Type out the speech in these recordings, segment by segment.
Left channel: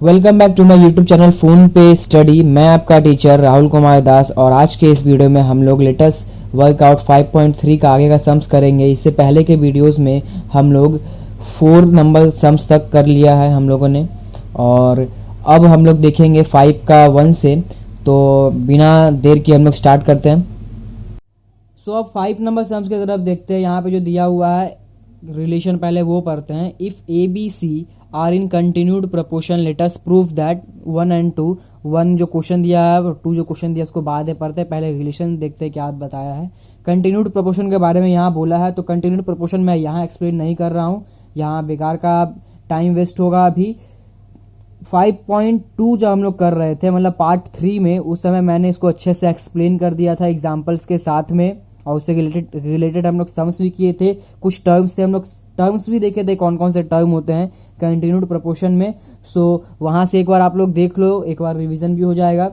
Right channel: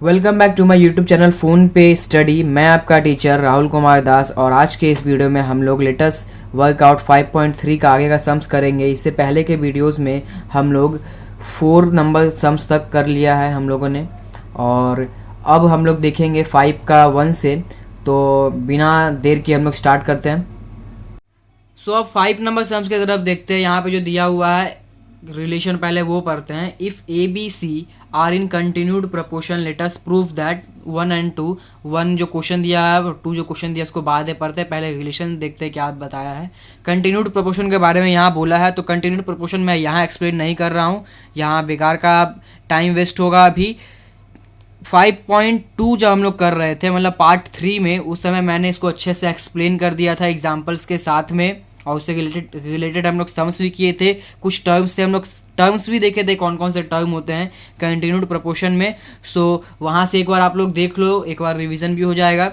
Welcome back to my YouTube channel phone पे study. मैं आपका टीचर राहुल कुमार दास और आज के इस वीडियो में हम लोग लेटेस्ट वर्कआउट 5.3 का आगे का सम्स करेंगे। इससे पहले के वीडियोस में हम लोग 4 नंबर सम्स तक कर लिया है हम लोगों ने, और अब हम लोग देखेंगे 5 का 1 से। तो बिना देर के हम लोग स्टार्ट करते हैं। सो अब 5 नंबर सम्स की तरफ देखते हैं। यहाँ पे जो दिया हुआ है रिलेशन पहले वो पढ़ते हैं। If A B C are in continued proportion let us prove that 1 and 2। 1 जो क्वेश्चन दिया है और 2 जो क्वेश्चन दिया है उसको बाद में पढ़ते हैं, पहले रिलेशन देखते हैं क्या बताया है। कंटिन्यूड प्रपोर्शन के बारे में यहाँ बोला है, तो कंटिन्यूड प्रपोर्शन मैं यहाँ एक्सप्लेन नहीं कर रहा हूँ, यहाँ बेकार का टाइम वेस्ट होगा। अभी 5.2 जब हम लोग कर रहे थे, मतलब पार्ट 3 में, उस समय मैंने इसको अच्छे से एक्सप्लेन कर दिया था एग्जाम्पल्स के साथ में, और उससे रिलेटेड हम लोग सम्स भी किए थे। कुछ टर्म्स थे, हम लोग टर्म्स भी देखे थे कौन कौन से टर्म होते हैं कंटिन्यूड प्रपोर्शन में। सो वहाँ से एक बार आप लोग देख लो, एक बार रिवीजन भी हो जाएगा।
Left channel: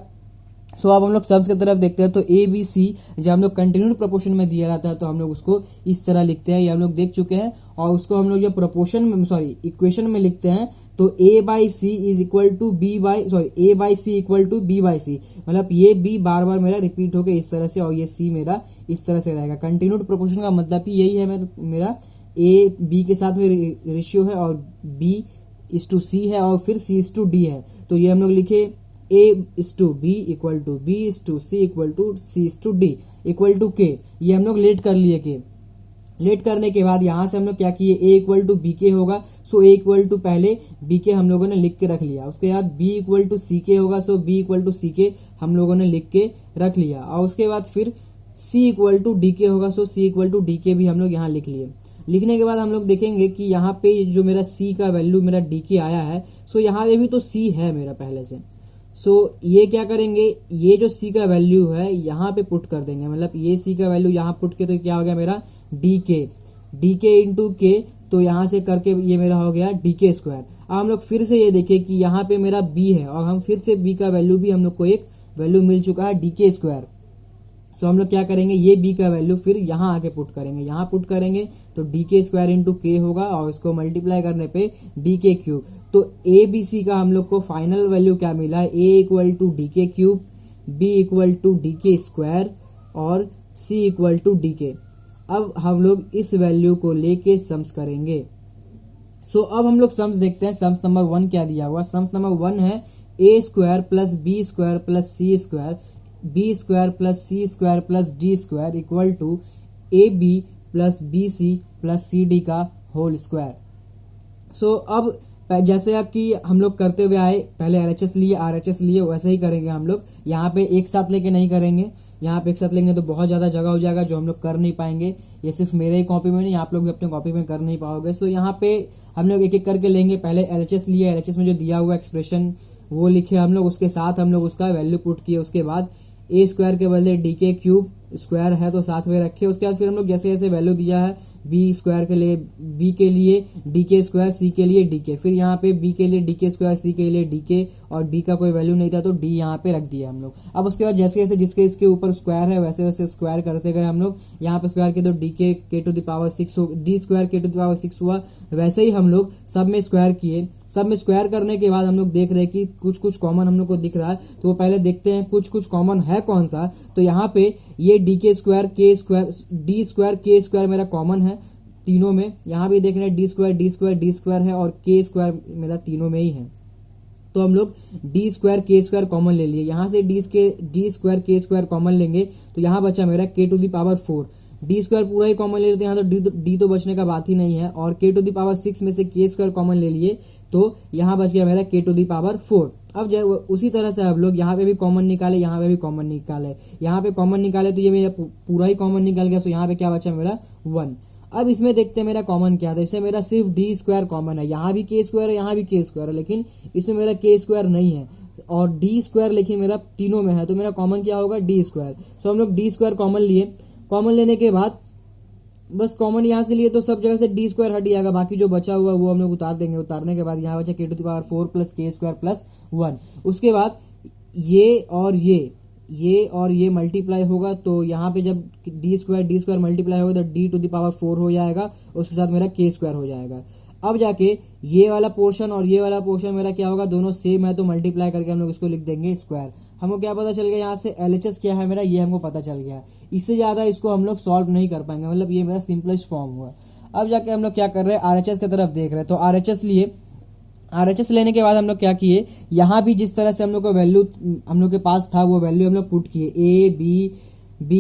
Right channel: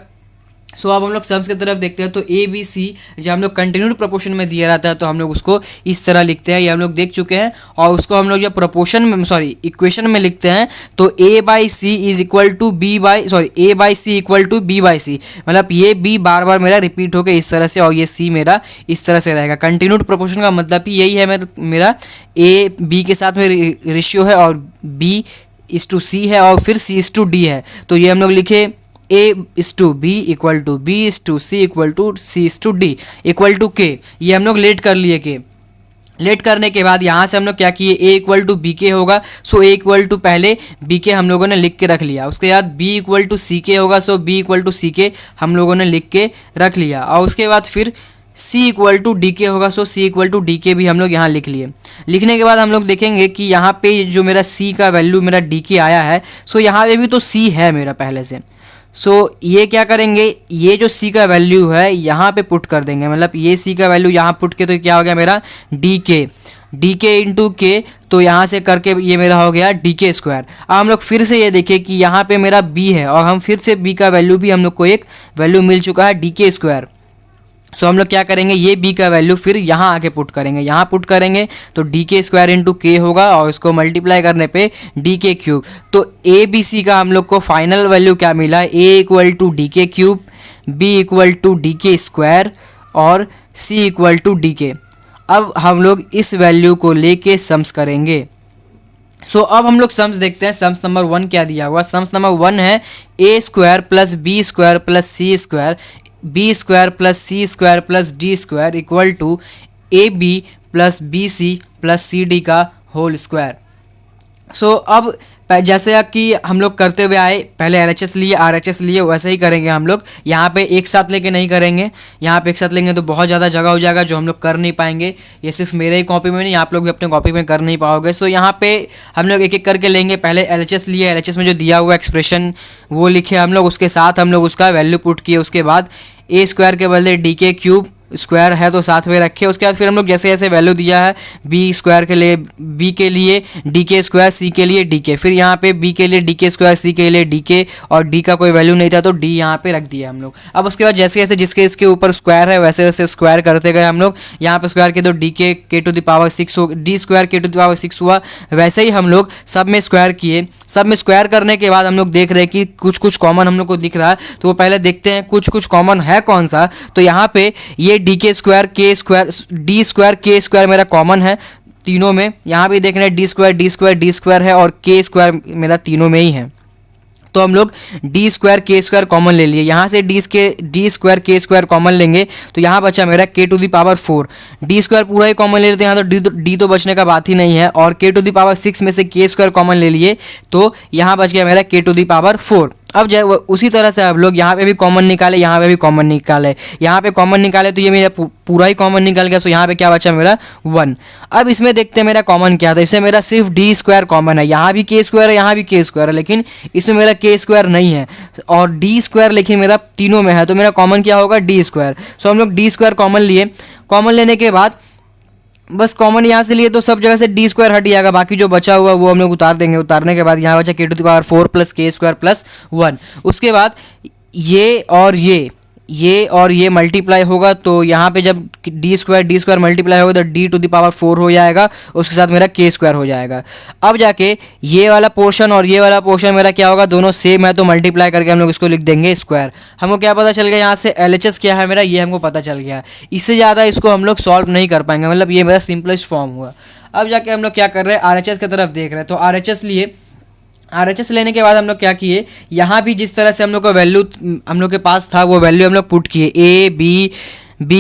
सो अब हम लोग सम्स की तरफ देखते हैं। तो ए बी सी जब हम लोग कंटिन्यूड प्रपोर्शन में दिया रहता है तो हम लोग उसको इस तरह लिखते हैं, ये हम लोग देख चुके हैं। और उसको हम लोग जब प्रपोर्शन में इक्वेशन में लिखते हैं तो A by C is equal to B by A by C equal to B by C, मतलब ये बी बार बार मेरा रिपीट होकर इस तरह से और ये सी मेरा इस तरह से रहेगा। कंटिन्यूड प्रपोर्शन का मतलब ही यही है, मेरा ए बी के साथ में रेशियो है और बी इज टू सी है और फिर सी इज टू डी है। तो ये हम लोग लिखे A is to B equal to B is to C equal to C is to D equal to K. ये हम लोग लेट कर लिए के। लेट करने के बाद यहाँ से हम लोग क्या किए, ए इक्वल टू बी के होगा, सो ए इक्वल टू पहले बी के हम लोगों ने लिख के रख लिया। उसके बाद बी इक्वल टू सी के होगा, सो बी इक्वल टू सी के हम लोगों ने लिख के रख लिया। और उसके बाद फिर सी इक्वल टू डी के होगा, सो सी इक्वल टू डी के भी हम लोग यहाँ लिख लिए। लिखने के बाद हम लोग देखेंगे कि यहाँ पे जो मेरा सी का वैल्यू मेरा डी के आया है, सो यहाँ पे भी तो सी है मेरा पहले से। सो ये क्या करेंगे, ये जो सी का वैल्यू है यहाँ पे पुट कर देंगे, मतलब ये सी का वैल्यू यहाँ पुट के, तो क्या हो गया मेरा डी के इंटू के, तो यहाँ से करके ये मेरा हो गया डी के स्क्वायर। अब हम लोग फिर से ये देखें कि यहाँ पे मेरा बी है और हम फिर से बी का वैल्यू भी हम लोग को एक वैल्यू मिल चुका है डी के स्क्वायर। सो हम लोग क्या करेंगे, ये बी का वैल्यू फिर यहाँ आके पुट करेंगे, यहाँ पुट करेंगे तो डी के स्क्वायर इंटू के होगा और इसको मल्टीप्लाई करने पे डी के क्यूब। तो ए बी सी का हम लोग को फाइनल वैल्यू क्या मिला, A equal to D K cube, B equal to D K square और सी इक्वल टू डी के। अब हम लोग इस वैल्यू को लेके सम्स करेंगे। सो अब हम लोग सम्स देखते हैं। सम्स नंबर 1 क्या दिया हुआ, सम्स नंबर 1 है A square plus B square plus C square B square plus C square plus D square equal to A B plus B C plus C D का whole square. So अब जैसे कि हम लोग करते हुए आए, पहले LHS लिए RHS लिए, वैसे ही करेंगे हम लोग। यहाँ पे एक साथ लेके नहीं करेंगे, यहाँ पे एक साथ लेंगे तो बहुत ज़्यादा जगह हो जाएगा जो हम लोग कर नहीं पाएंगे। ये सिर्फ मेरे ही कॉपी में नहीं, आप लोग भी अपने कॉपी में कर नहीं पाओगे। सो यहाँ पे हम लोग एक एक करके लेंगे। पहले LHS लिए, LHS में जो दिया हुआ एक्सप्रेशन वो लिखे हम लोग, उसके साथ हम लोग उसका वैल्यू पुट किए। उसके बाद ए स्क्वायर के बदले डी के क्यूब स्क्वायर है तो साथ में रखे। उसके बाद फिर हम लोग जैसे जैसे वैल्यू दिया है बी स्क्वायर के लिए बी के लिए डी के स्क्वायर, सी के लिए डी के, फिर यहाँ पे बी के लिए डी के स्क्वायर, सी के लिए डी के, और डी का कोई वैल्यू नहीं था तो डी यहाँ पे रख दिया हम लोग। अब उसके बाद जैसे जैसे जिसके इसके ऊपर स्क्वायर है वैसे वैसे स्क्वायर करते गए हम लोग। यहाँ पे स्क्वायर के तो डी के टू द पावर 6 हो, डी स्क्वायर के टू द पावर 6 हुआ। वैसे ही हम लोग सब में स्क्वायर किए। सब में स्क्वायर करने के बाद हम लोग देख रहे हैं कि कुछ कुछ कॉमन हम लोग को दिख रहा है, तो वो पहले देखते हैं कुछ कुछ कॉमन है कौन सा। तो यहाँ पे ये D K square K square D square K square मेरा कॉमन है तीनों में। यहाँ भी देख रहे हैं D square D square D square है और के स्क्वायर मेरा तीनों में ही है। तो हम लोग D square K square common ले लिए। यहाँ से D square K square common लेंगे तो यहाँ बचा मेरा K to the power 4। D square पूरा ही कॉमन ले लेते हैं, यहाँ तो डी तो बचने का बात ही नहीं है। और के टू द पावर 6 में से के स्क्वायर कॉमन ले लिए तो यहाँ बच गया मेरा के टू द पावर 4। अब जो उसी तरह से हम लोग यहाँ पे भी कॉमन निकाले, यहाँ पे भी कॉमन निकाले, यहाँ पे कॉमन निकाले तो ये मेरा पूरा ही कॉमन निकल गया। सो यहाँ पे क्या बचा मेरा 1। अब इसमें देखते हैं मेरा कॉमन क्या था। इसमें मेरा सिर्फ डी स्क्वायर कॉमन है, यहाँ भी के स्क्वायर है, यहाँ भी के स्क्वायर है, लेकिन इसमें मेरा के स्क्वायर नहीं है और डी स्क्वायर लेकिन मेरा तीनों में है, तो मेरा कॉमन क्या होगा डी स्क्वायर। सो हम लोग डी स्क्वायर कॉमन लिए। कॉमन लेने के बाद बस कॉमन यहाँ से लिए तो सब जगह से डी स्क्वायर हट जाएगा, बाकी जो बचा हुआ वो हम लोग उतार देंगे। उतारने के बाद यहाँ बचा के टू द पावर 4 प्लस के स्क्वायर प्लस 1। उसके बाद ये और ये ये और ये मल्टीप्लाई होगा तो यहाँ पे जब डी स्क्वायर मल्टीप्लाई होगा तो डी टू द पावर 4 हो जाएगा, उसके साथ मेरा के स्क्वायर हो जाएगा। अब जाके ये वाला पोर्शन और ये वाला पोर्शन मेरा क्या होगा, दोनों सेम है तो मल्टीप्लाई करके हम लोग इसको लिख देंगे स्क्वायर। हमको क्या पता चल गया यहाँ से LHS क्या है मेरा, ये हमको पता चल गया। इससे ज़्यादा इसको हम लोग सॉल्व नहीं कर पाएंगे, मतलब ये मेरा सिंपलेस्ट फॉर्म हुआ। अब जाके हम लोग क्या कर रहे हैं, RHS की तरफ देख रहे हैं। तो RHS लिए, RHS लेने के बाद हम लोग क्या किए, यहाँ भी जिस तरह से हम लोग का वैल्यू हम लोग के पास था वो वैल्यू हम लोग पुट किए, A B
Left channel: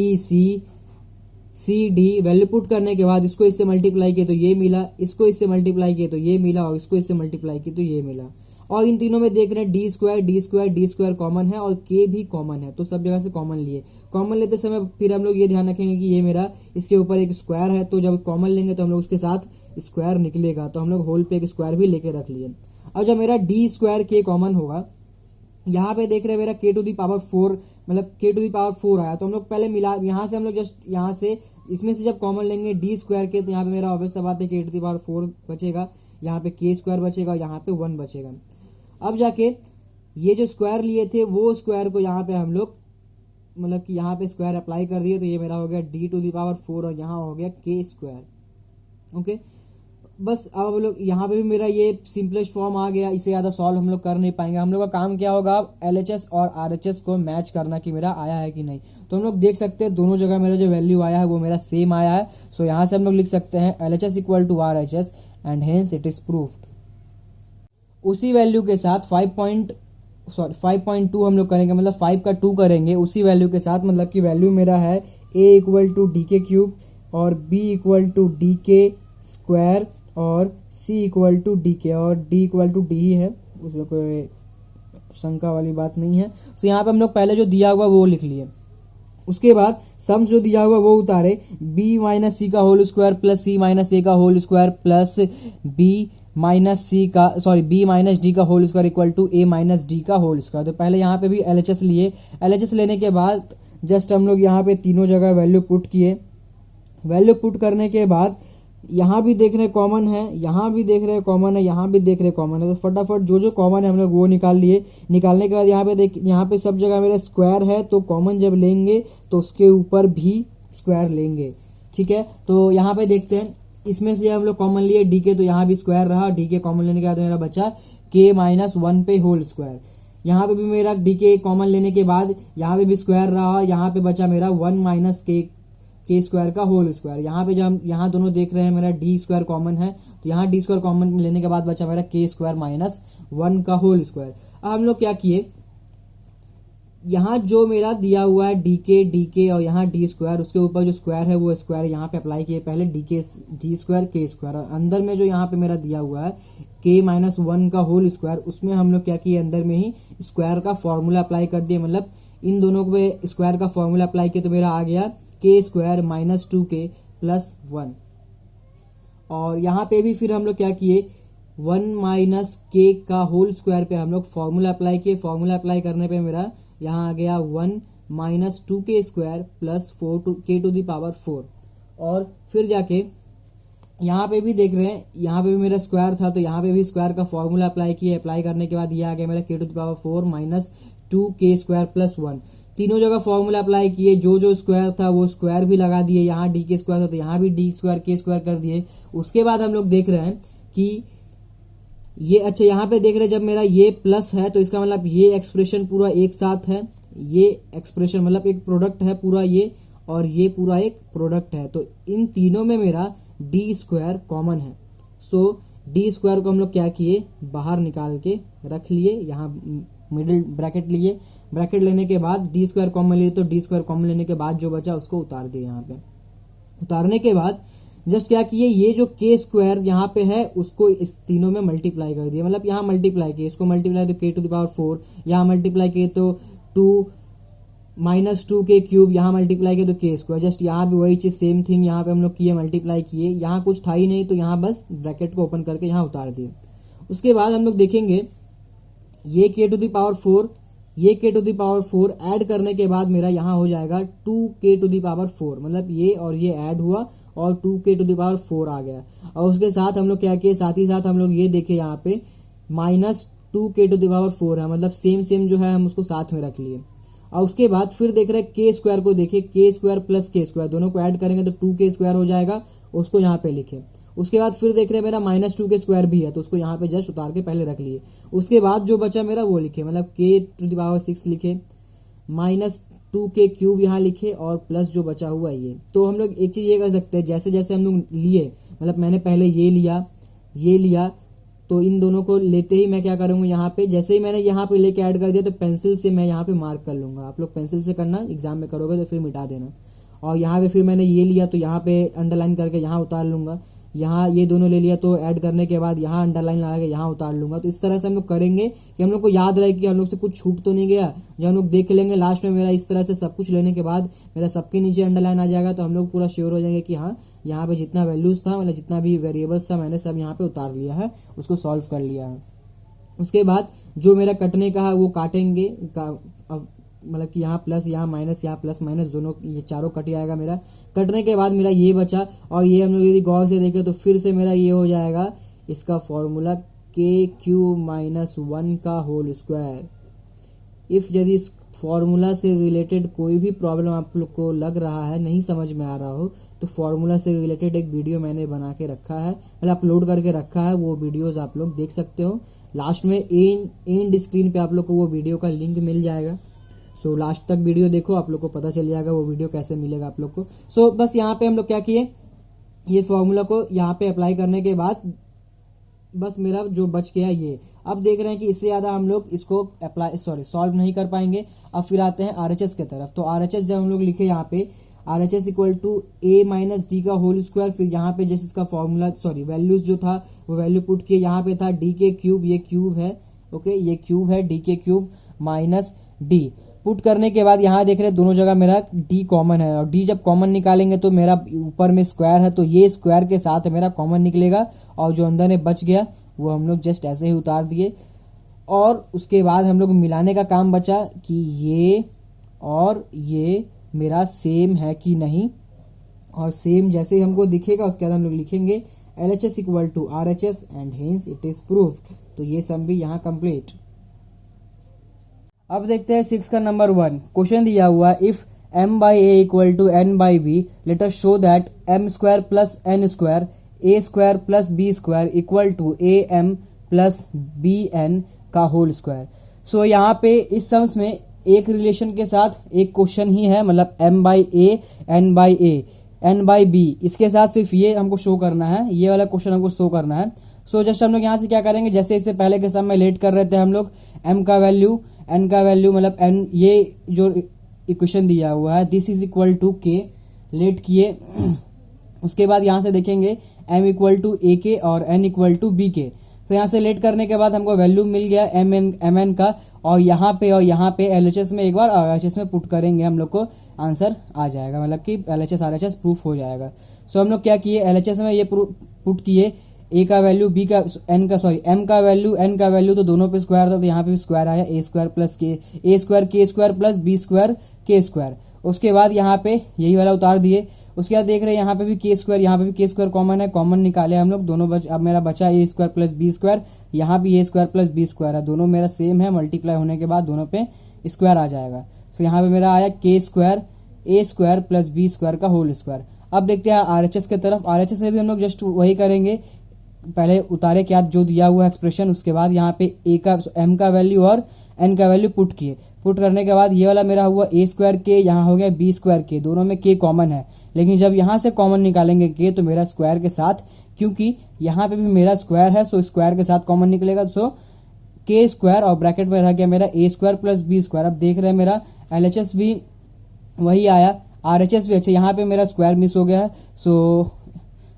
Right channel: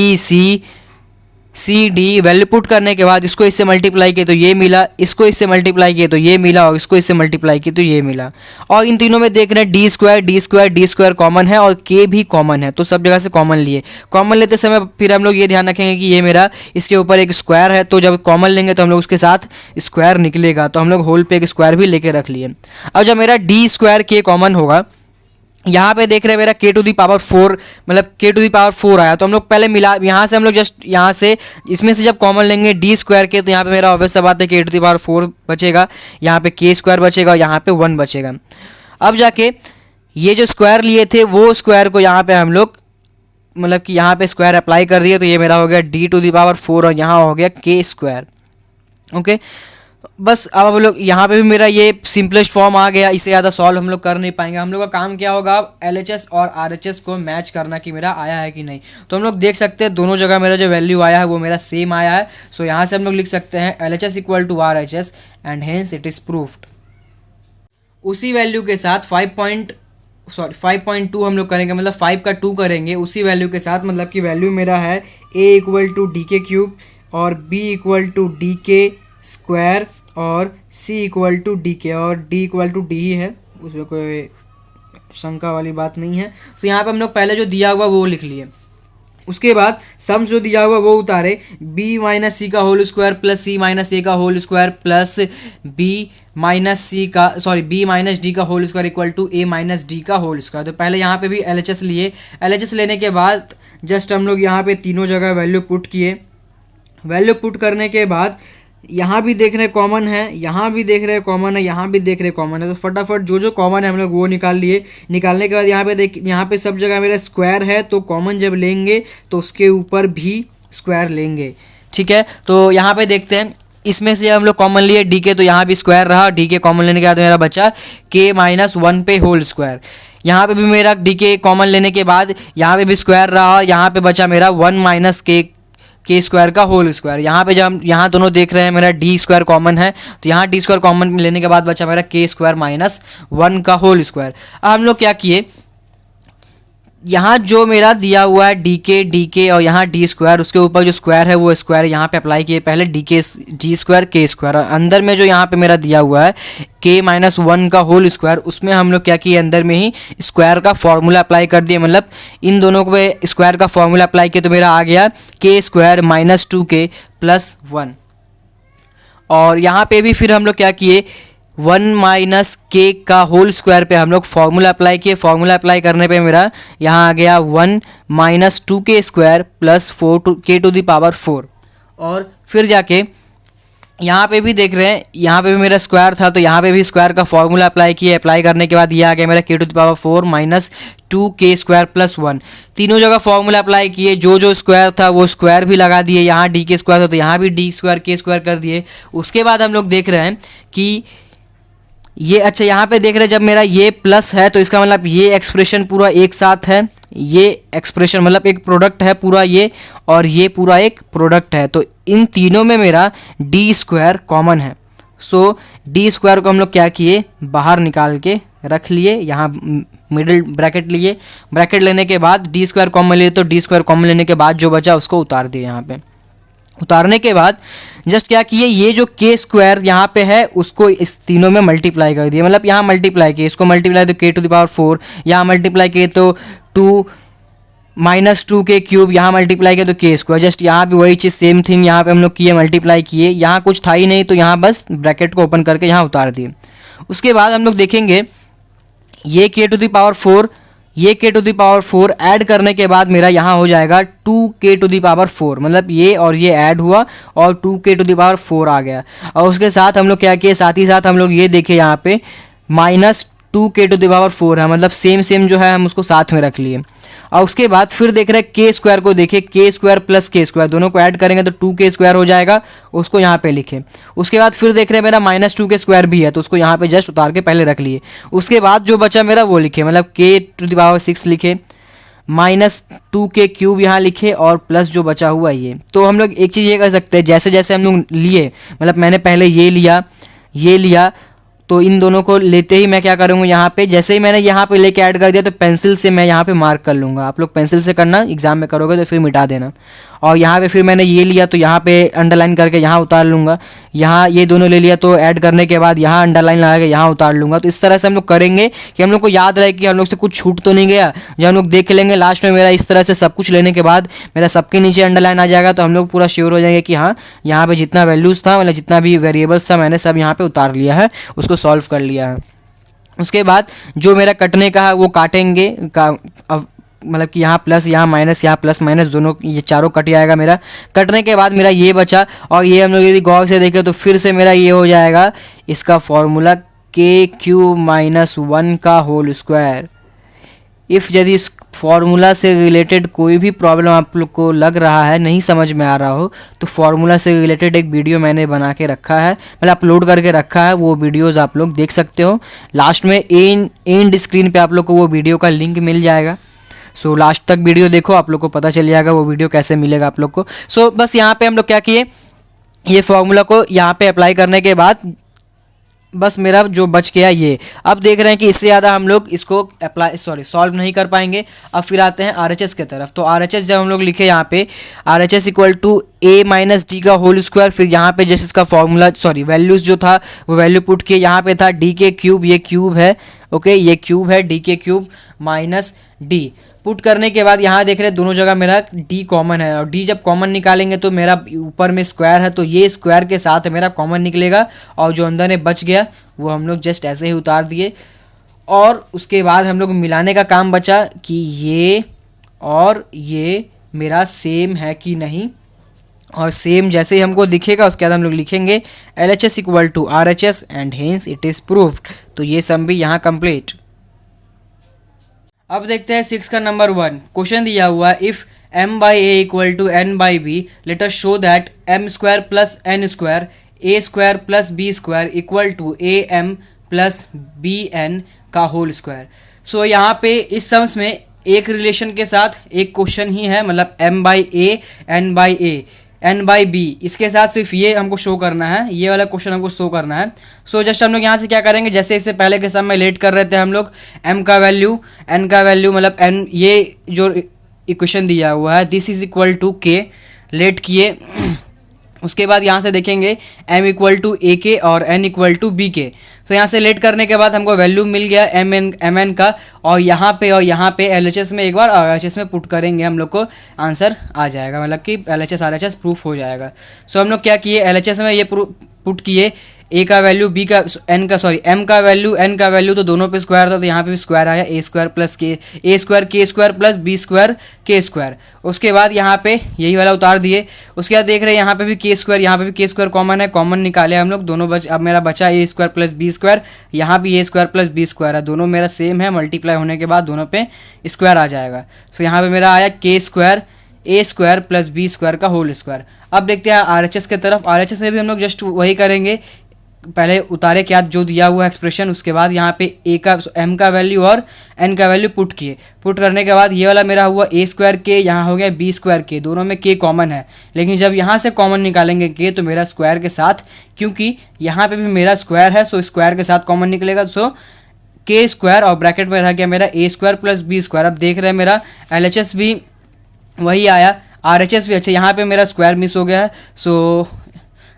C D value put करने के बाद इसको इससे मल्टीप्लाई किए तो ये मिला, इसको इससे मल्टीप्लाई किए तो ये मिला, और इसको इससे मल्टीप्लाई किए तो ये मिला। और इन तीनों में देख रहे हैं डी स्क्वायर कॉमन है और के भी कॉमन है, तो सब जगह से कॉमन लिए। कॉमन लेते समय फिर हम लोग ये ध्यान रखेंगे कि ये मेरा इसके ऊपर एक स्क्वायर है, तो जब कॉमन लेंगे तो हम लोग उसके साथ स्क्वायर निकलेगा, तो हम लोग होल पे एक स्क्वायर भी लेके रख लिए। अब जब मेरा डी स्क्वायर के कॉमन होगा, यहाँ पे देख रहे हैं मेरा के टू दी पावर 4, मतलब के टू दी पावर 4 आया, तो हम लोग पहले मिला, यहाँ से हम लोग जस्ट यहाँ से इसमें से जब कॉमन लेंगे डी स्क्वायर के, तो यहाँ पे मेरा ऑब्वियस सा बात है के टू दी पावर 4 बचेगा, यहाँ पे के स्क्वायर बचेगा और यहाँ पे 1 बचेगा। अब जाके ये जो स्क्वायर लिए थे वो स्क्वायर को यहाँ पे हम लोग मतलब कि यहाँ पे स्क्वायर अप्लाई कर दिया, तो ये मेरा हो गया डी टू दी पावर 4 और यहाँ हो गया के स्क्वायर। ओके, बस अब हम लोग यहाँ पे भी मेरा ये सिंपलेस्ट फॉर्म आ गया, इससे ज़्यादा सॉल्व हम लोग कर नहीं पाएंगे। हम लोग का काम क्या होगा, अब LHS और RHS को मैच करना कि मेरा आया है कि नहीं। तो हम लोग देख सकते हैं दोनों जगह मेरा जो वैल्यू आया है वो मेरा सेम आया है। सो यहाँ से हम लोग लिख सकते हैं LHS equal to RHS and hence it is proved. उसी वैल्यू के साथ 5.2 हम लोग करेंगे, मतलब 5 का 2 करेंगे उसी वैल्यू के साथ, मतलब कि वैल्यू मेरा है A इक्वल टू DK³ और B equal to DK square और C इक्वल टू DK और D इक्वल टू D ही है, उसमें कोई शंका वाली बात नहीं है। तो यहाँ पे हम लोग पहले जो दिया हुआ वो लिख लिए, उसके बाद सम्स जो दिया हुआ वो उतारे, B माइनस सी का whole square plus C minus A का whole square plus B minus D का whole square equal to A minus D का होल स्क्वायर। तो पहले यहाँ पे भी LHS लिए, LHS लेने के बाद जस्ट हम लोग यहाँ पे तीनों जगह वैल्यू पुट किए। वैल्यू पुट करने के बाद यहाँ भी देख रहे कॉमन है, यहाँ भी देख रहे कॉमन है, यहाँ भी देख रहे कॉमन है, तो फटाफट जो जो कॉमन है हम लोग वो निकाल लिए। निकालने के बाद यहाँ पे देख, यहाँ पे सब जगह मेरा स्क्वायर है, तो कॉमन जब लेंगे तो उसके ऊपर भी स्क्वायर लेंगे। ठीक है, तो यहाँ पे देखते हैं, इसमें से हम लोग कॉमन लिए DK, तो यहाँ भी स्क्वायर रहा, DK कॉमन लेने के बाद मेरा बचा K-1 पे होल स्क्वायर। यहाँ पे भी मेरा DK कॉमन लेने के बाद यहाँ पे भी स्क्वायर रहा और यहाँ पे बचा मेरा 1 माइनस के स्क्वायर का होल स्क्वायर। यहाँ पे जब हम यहाँ दोनों देख रहे हैं मेरा डी स्क्वायर कॉमन है, तो यहाँ डी स्क्वायर कॉमन लेने के बाद बचा मेरा के स्क्वायर माइनस 1 का होल स्क्वायर। अब हम लोग क्या किए, यहाँ जो मेरा दिया हुआ है DK और यहाँ डी स्क्वायर, उसके ऊपर जो स्क्वायर है वो स्क्वायर यहाँ पे अप्लाई किए पहले, डी स्क्वायर के स्क्वायर, और अंदर में जो यहाँ पे मेरा दिया हुआ है K-1 का होल स्क्वायर, उसमें हम लोग क्या किए, अंदर में ही स्क्वायर का फॉर्मूला अप्लाई कर दिए, मतलब इन दोनों को स्क्वायर का फॉर्मूला अप्लाई किया तो मेरा आ गया के स्क्वायर माइनस 2K प्लस 1। और यहाँ पे भी फिर हम लोग क्या किए, 1 माइनस के का होल स्क्वायर पे हम लोग फार्मूला अप्लाई किए। फार्मूला अप्लाई करने पे मेरा यहाँ आ गया 1 minus 2K square plus 4K to the power 4। और फिर जाके यहाँ पे भी देख रहे हैं, यहाँ पे भी मेरा स्क्वायर था, तो यहाँ पे भी स्क्वायर का फॉर्मूला अप्लाई किए। अप्लाई करने के बाद ये आ गया मेरा K to the power 4 minus 2K square plus 1। तीनों जगह फॉर्मूला अप्लाई किए, जो जो स्क्वायर था वो स्क्वायर भी लगा दिए। यहाँ DK स्क्वायर था तो यहाँ भी D स्क्वायर K स्क्वायर कर दिए। उसके बाद हम लोग देख रहे हैं कि ये, अच्छा यहाँ पे देख रहे हैं जब मेरा ये प्लस है तो इसका मतलब ये एक्सप्रेशन पूरा एक साथ है, ये एक्सप्रेशन मतलब एक प्रोडक्ट है पूरा ये, और ये पूरा एक प्रोडक्ट है, तो इन तीनों में मेरा डी स्क्वायर कॉमन है। सो डी स्क्वायर को हम लोग क्या किए, बाहर निकाल के रख लिए, यहाँ मिडिल ब्रैकेट लिए। ब्रैकेट लेने के बाद डी स्क्वायर कॉमन लिए, तो डी स्क्वायर कॉमन लेने के बाद जो बचा उसको उतार दिए। यहाँ पे उतारने के बाद जस्ट क्या किए, ये जो के स्क्वायर यहाँ पे है उसको इस तीनों में मल्टीप्लाई कर दिए, मतलब यहाँ मल्टीप्लाई किए, इसको मल्टीप्लाई तो K टू द पावर 4, यहाँ मल्टीप्लाई किए तो 2 माइनस 2K क्यूब, यहाँ मल्टीप्लाई किया तो के स्क्वायर। जस्ट यहाँ भी वही चीज़ सेम थिंग यहाँ पे हम लोग किए, मल्टीप्लाई किए, यहाँ कुछ था ही नहीं तो यहाँ बस ब्रैकेट को ओपन करके यहाँ उतार दिए। उसके बाद हम लोग देखेंगे ये K टू द पावर 4, ये K to the power 4 add करने के बाद मेरा यहाँ हो जाएगा 2K टू द पावर 4, मतलब ये और ये ऐड हुआ और 2K टू द पावर 4 आ गया। और उसके साथ हम लोग क्या किए, साथ ही साथ हम लोग ये देखे यहाँ पे माइनस 2k⁴ है, मतलब सेम जो है हम उसको साथ में रख लिए। और उसके बाद फिर देख रहे हैं के स्क्वायर को, देखिए के स्क्वायर प्लस के स्क्वायर दोनों को ऐड करेंगे तो 2k² हो जाएगा, उसको यहाँ पे लिखे। उसके बाद फिर देख रहे हैं मेरा -2k² भी है तो उसको यहाँ पे जस्ट उतार के पहले रख लिए। उसके बाद जो बचा मेरा वो लिखे, मतलब k⁶ लिखे, -2k³ यहाँ लिखे और प्लस जो बचा हुआ ये। तो हम लोग एक चीज़ ये कर सकते हैं, जैसे जैसे हम लोग लिए, मतलब मैंने पहले ये लिया तो इन दोनों को लेते ही मैं क्या करूँगा, यहाँ पे जैसे ही मैंने यहाँ पे लेके ऐड कर दिया तो पेंसिल से मैं यहाँ पे मार्क कर लूँगा। आप लोग पेंसिल से करना, एग्जाम में करोगे तो फिर मिटा देना। और यहाँ पे फिर मैंने ये लिया तो यहाँ पे अंडरलाइन करके यहाँ उतार लूँगा। यहाँ ये दोनों ले लिया तो ऐड करने के बाद यहाँ अंडरलाइन लगा के यहाँ उतार लूँगा। तो इस तरह से हम लोग करेंगे कि हम लोग को याद रहे कि हम लोग से कुछ छूट तो नहीं गया। जब हम लोग देख लेंगे लास्ट में मेरा इस तरह से सब कुछ लेने के बाद मेरा सबके नीचे अंडरलाइन आ जाएगा तो हम लोग पूरा श्योर हो जाएंगे कि हाँ यहाँ पे जितना वैल्यूज़ था, मतलब जितना भी वेरिएबल्स था मैंने सब यहाँ पे उतार लिया है, उसको सॉल्व कर लिया है। उसके बाद जो मेरा कटने का है वो काटेंगे अब, मतलब कि यहाँ प्लस यहाँ माइनस, यहाँ प्लस माइनस दोनों ये चारों कट जाएगा मेरा। कटने के बाद मेरा ये बचा और ये हम लोग यदि गौर से देखें तो फिर से मेरा ये हो जाएगा इसका फॉर्मूला k³ - 1 का होल स्क्वायर। यदि इस फॉर्मूला से रिलेटेड कोई भी प्रॉब्लम आप लोग को लग रहा है, नहीं समझ में आ रहा हो, तो फॉर्मूला से रिलेटेड एक वीडियो मैंने बना के रखा है, मतलब अपलोड करके रखा है, वो वीडियोस आप लोग देख सकते हो। लास्ट में एंड स्क्रीन पे आप लोग को वो वीडियो का लिंक मिल जाएगा। सो लास्ट तक वीडियो देखो, आप लोग को पता चल जाएगा वो वीडियो कैसे मिलेगा आप लोग को। सो बस यहाँ पे हम लोग क्या किए, ये फॉर्मूला को यहाँ पे अप्लाई करने के बाद बस मेरा जो बच गया ये। अब देख रहे हैं कि इससे ज़्यादा हम लोग इसको सॉल्व नहीं कर पाएंगे। अब फिर आते हैं RHS के तरफ। तो RHS जब हम लोग लिखे यहाँ पे RHS = a - d का होल स्क्वायर, फिर यहाँ पे जैसे इसका फॉर्मूला वैल्यूज़ जो था वो वैल्यू पुट किए। यहाँ पे था d⁵, ये क्यूब है, ओके ये क्यूब है, d⁵ - d पुट करने के बाद यहाँ देख रहे हैं दोनों जगह मेरा d कॉमन है, और d जब कॉमन निकालेंगे तो मेरा ऊपर में स्क्वायर है तो ये स्क्वायर के साथ मेरा कॉमन निकलेगा, और जो अंदर में बच गया वो हम लोग जस्ट ऐसे ही उतार दिए। और उसके बाद हम लोग मिलाने का काम बचा कि ये और ये मेरा सेम है कि नहीं, और सेम जैसे ही हमको दिखेगा उसके बाद हम लोग लिखेंगे LHS = RHS and hence it is proved. तो ये सम भी यहाँ कंप्लीट। अब देखते हैं 6 का नंबर 1 क्वेश्चन दिया हुआ है, if m/a = n/b late us show that m² + n² a² + b² = am + bn का होल स्क्वायर। सो यहाँ पे इस सम्स में एक रिलेशन के साथ एक क्वेश्चन ही है, मतलब m/a n/b, इसके साथ सिर्फ ये हमको शो करना है, ये वाला क्वेश्चन हमको शो करना है। सो जस्ट हम लोग यहाँ से क्या करेंगे, जैसे इससे पहले के सम में लेट कर रहे थे हम लोग m का वैल्यू n का वैल्यू, मतलब n ये जो इक्वेशन दिया हुआ है this is equal to k let किए। उसके बाद यहाँ से देखेंगे m = ak और n = bk। तो यहाँ से लेट करने के बाद हमको वैल्यू मिल गया mn का, और यहाँ पे LHS में एक बार RHS में पुट करेंगे हम लोग को आंसर आ जाएगा, मतलब कि LHS RHS प्रूफ हो जाएगा। सो हम लोग क्या किए, LHS में ये पुट किए a का वैल्यू m का वैल्यू n का वैल्यू, तो दोनों पे स्क्वायर था तो यहाँ पे भी स्क्वायर आया a² + b² k²। उसके बाद यहाँ पे यही वाला उतार दिए। उसके बाद देख रहे हैं यहाँ पे भी k², यहाँ पे भी k² कॉमन है, कॉमन निकाले हम लोग दोनों अब मेरा बचा a² + b², यहाँ भी a² + b² है, दोनों मेरा सेम है, मल्टीप्लाई होने के बाद दोनों पे स्क्वायर आ जाएगा। सो यहाँ पे मेरा आया k² a² + b² का होल स्क्वायर। अब देखते हैं RHS के तरफ। RHS में भी हम लोग जस्ट वही करेंगे, पहले उतारे क्या जो दिया हुआ एक्सप्रेशन, उसके बाद यहाँ पे m का वैल्यू और n का वैल्यू पुट किए। पुट करने के बाद ये वाला मेरा हुआ a² k, यहाँ हो गया b² k, दोनों में k कॉमन है, लेकिन जब यहाँ से कॉमन निकालेंगे k तो मेरा स्क्वायर के साथ, क्योंकि यहाँ पे भी मेरा स्क्वायर है सो स्क्वायर के साथ कॉमन निकलेगा, सो k² और ब्रैकेट में रह गया मेरा a² + b²। अब देख रहे हैं मेरा LHS भी वही आया, RHS भी, अच्छा यहाँ पे मेरा स्क्वायर मिस हो गया है, सो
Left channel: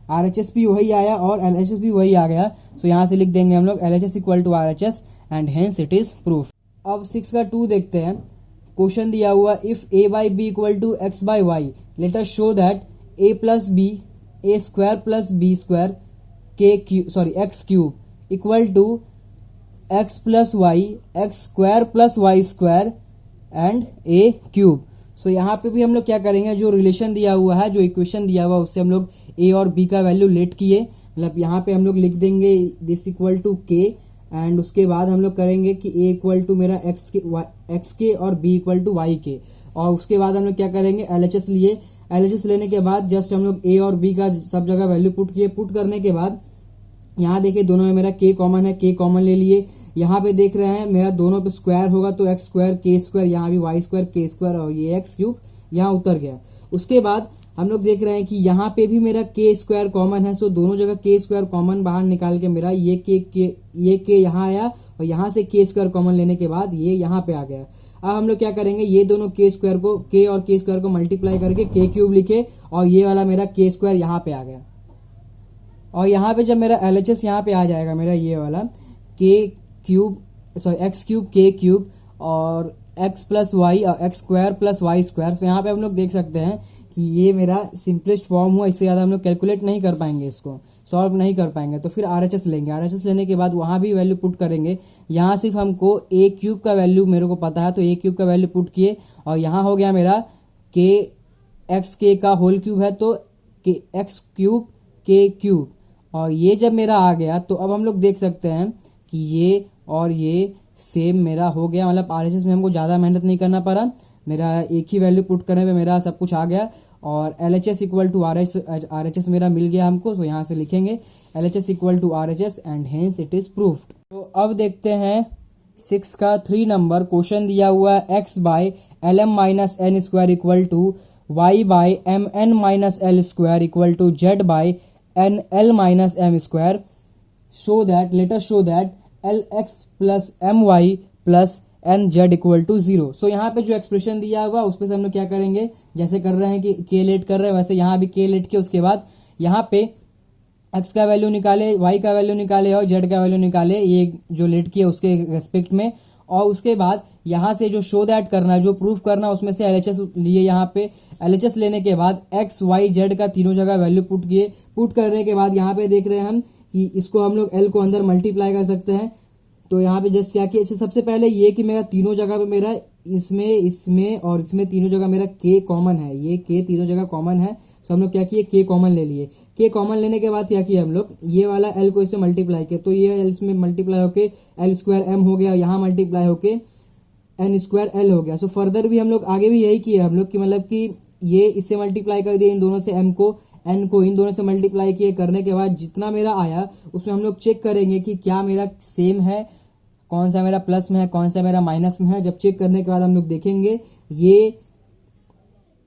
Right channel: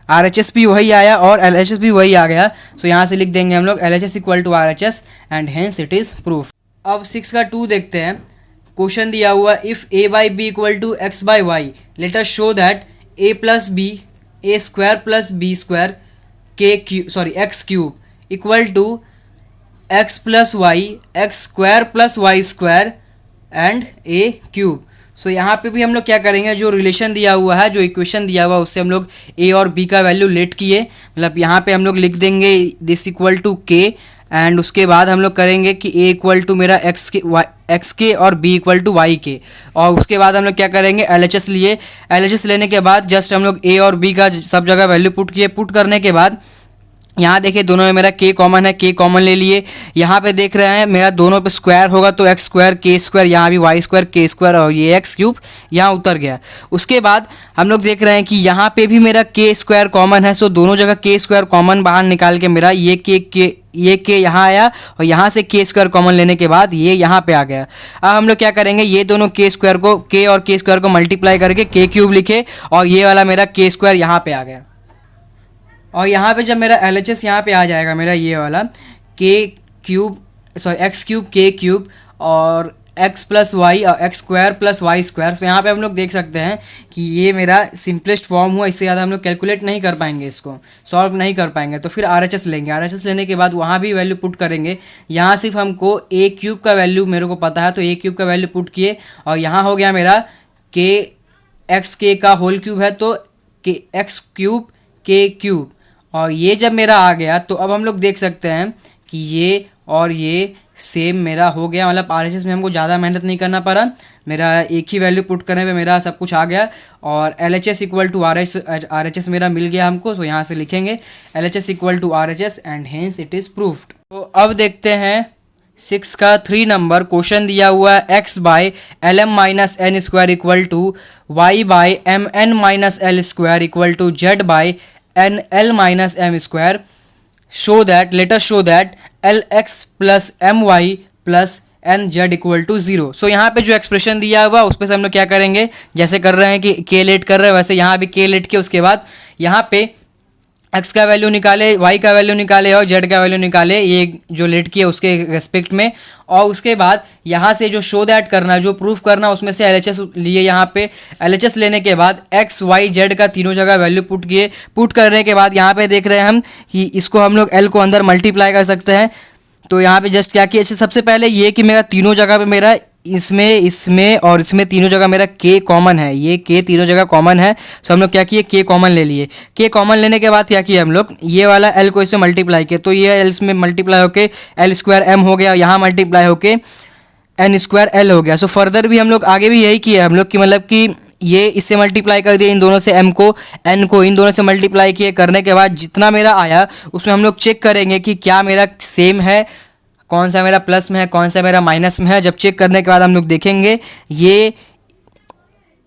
RHS भी वही आया और LHS भी वही आ गया। सो यहाँ से लिख देंगे हम लोग LHS = RHS and hence it is proof. अब 6 का 2 देखते हैं। क्वेश्चन दिया हुआ, if a/b = x/y late us show that a + b a² + b² x³ = x + y x² + y² and a³। सो यहाँ पे भी हम लोग क्या करेंगे, जो रिलेशन दिया हुआ है, जो इक्वेशन दिया हुआ है, उससे हम लोग a और b का वैल्यू लेट किए, मतलब यहाँ पे हम लोग लिख देंगे दिस = k एंड उसके बाद हम लोग करेंगे कि a इक्वल टू मेरा एक्स के और b इक्वल टू वाई के, और उसके बाद हम लोग क्या करेंगे LHS लिए। LHS लेने के बाद जस्ट हम लोग a और b का सब जगह वैल्यू पुट किए। पुट करने के बाद यहाँ देखिए दोनों में मेरा k कॉमन है, k कॉमन ले लिए। यहाँ पे देख रहे हैं मेरा दोनों पे स्क्वायर होगा तो एक्स स्क्वायर के स्क्वायर, यहाँ भी वाई स्क्वायर के स्क्वायर और ये एक्स क्यूब यहाँ उतर गया। उसके बाद हम लोग देख रहे हैं कि यहाँ पे भी मेरा के स्क्वायर कॉमन है, सो दोनों जगह के स्क्वायर कॉमन बाहर निकाल के मेरा ये के यहाँ आया और यहाँ से के स्क्वायर कॉमन लेने के बाद ये यहाँ पे आ गया। अब हम लोग क्या करेंगे, ये दोनों के स्क्वायर को के और के स्क्वायर को मल्टीप्लाई करके के क्यूब लिखे और ये वाला मेरा के स्क्वायर यहाँ पे आ गया। और यहाँ पे जब मेरा LHS यहाँ पे आ जाएगा मेरा ये वाला एक्स क्यूब के क्यूब और एक्स प्लस वाई और x square plus Y square, तो यहाँ पे हम लोग देख सकते हैं कि ये मेरा सिंपलेस्ट फॉर्म हुआ। इससे ज़्यादा हम लोग कैलकुलेट नहीं कर पाएंगे, इसको सॉल्व नहीं कर पाएंगे। तो फिर RHS लेंगे। RHS लेने के बाद वहाँ भी वैल्यू पुट करेंगे। यहाँ सिर्फ हमको ए क्यूब का वैल्यू मेरे को पता है तो ए क्यूब का वैल्यू पुट किए और यहाँ हो गया मेरा के एक्स के का होल क्यूब है तो के एक्स क्यूब के क्यूब, और ये जब मेरा आ गया तो अब हम लोग देख सकते हैं कि ये और ये सेम मेरा हो गया। मतलब RHS में हमको ज़्यादा मेहनत नहीं करना पड़ा, मेरा एक ही वैल्यू पुट करने पे मेरा सब कुछ आ गया। और LHS इक्वल टू RHS मेरा मिल गया हमको, सो यहाँ से लिखेंगे LHS equal to RHS and hence it is proved. तो अब देखते हैं 6 का 3 नंबर क्वेश्चन दिया हुआ है x by L M minus N square equal to Y by M N minus L square equal to Z by N L minus M square. Show that let us show that L X plus M Y plus N Z equal to 0। So यहाँ पे जो expression दिया हुआ उस पर से हम लोग क्या करेंगे, जैसे कर रहे हैं कि के लेट कर रहे हैं वैसे यहाँ भी के लेट के उसके बाद यहाँ पे एक्स का वैल्यू निकाले, वाई का वैल्यू निकाले और जेड का वैल्यू निकाले, ये जो लेट किया उसके रेस्पेक्ट में। और उसके बाद यहाँ से जो शो दैट करना, जो प्रूफ करना, उसमें से LHS लिए। यहाँ पे LHS लेने के बाद एक्स वाई जेड का तीनों जगह वैल्यू पुट किए। पुट करने के बाद यहाँ पे देख रहे हैं हम कि इसको हम लोग L को अंदर मल्टीप्लाई कर सकते हैं। तो यहाँ पे जस्ट क्या किया, सबसे पहले ये कि मेरा तीनों जगह पे मेरा इसमें और इसमें तीनों जगह मेरा के कॉमन है, ये के तीनों जगह कॉमन है। सो हम लोग क्या किए, के कॉमन ले लिए। के कॉमन लेने के बाद क्या किया हम लोग, ये वाला एल को इसमें मल्टीप्लाई किया तो ये एल इसमें मल्टीप्लाई होके एल स्क्वायर एम हो गया, यहाँ मल्टीप्लाई होके एन स्क्वायर एल हो गया। सो फर्दर भी हम लोग आगे भी यही किए हम लोग कि मतलब कि ये इससे मल्टीप्लाई कर दिए इन दोनों से, एम को एन को इन दोनों से मल्टीप्लाई किए। करने के बाद जितना मेरा आया उसमें हम लोग चेक करेंगे कि क्या मेरा सेम है, कौन सा मेरा प्लस में है, कौन सा मेरा माइनस में है। जब चेक करने के बाद हम लोग देखेंगे ये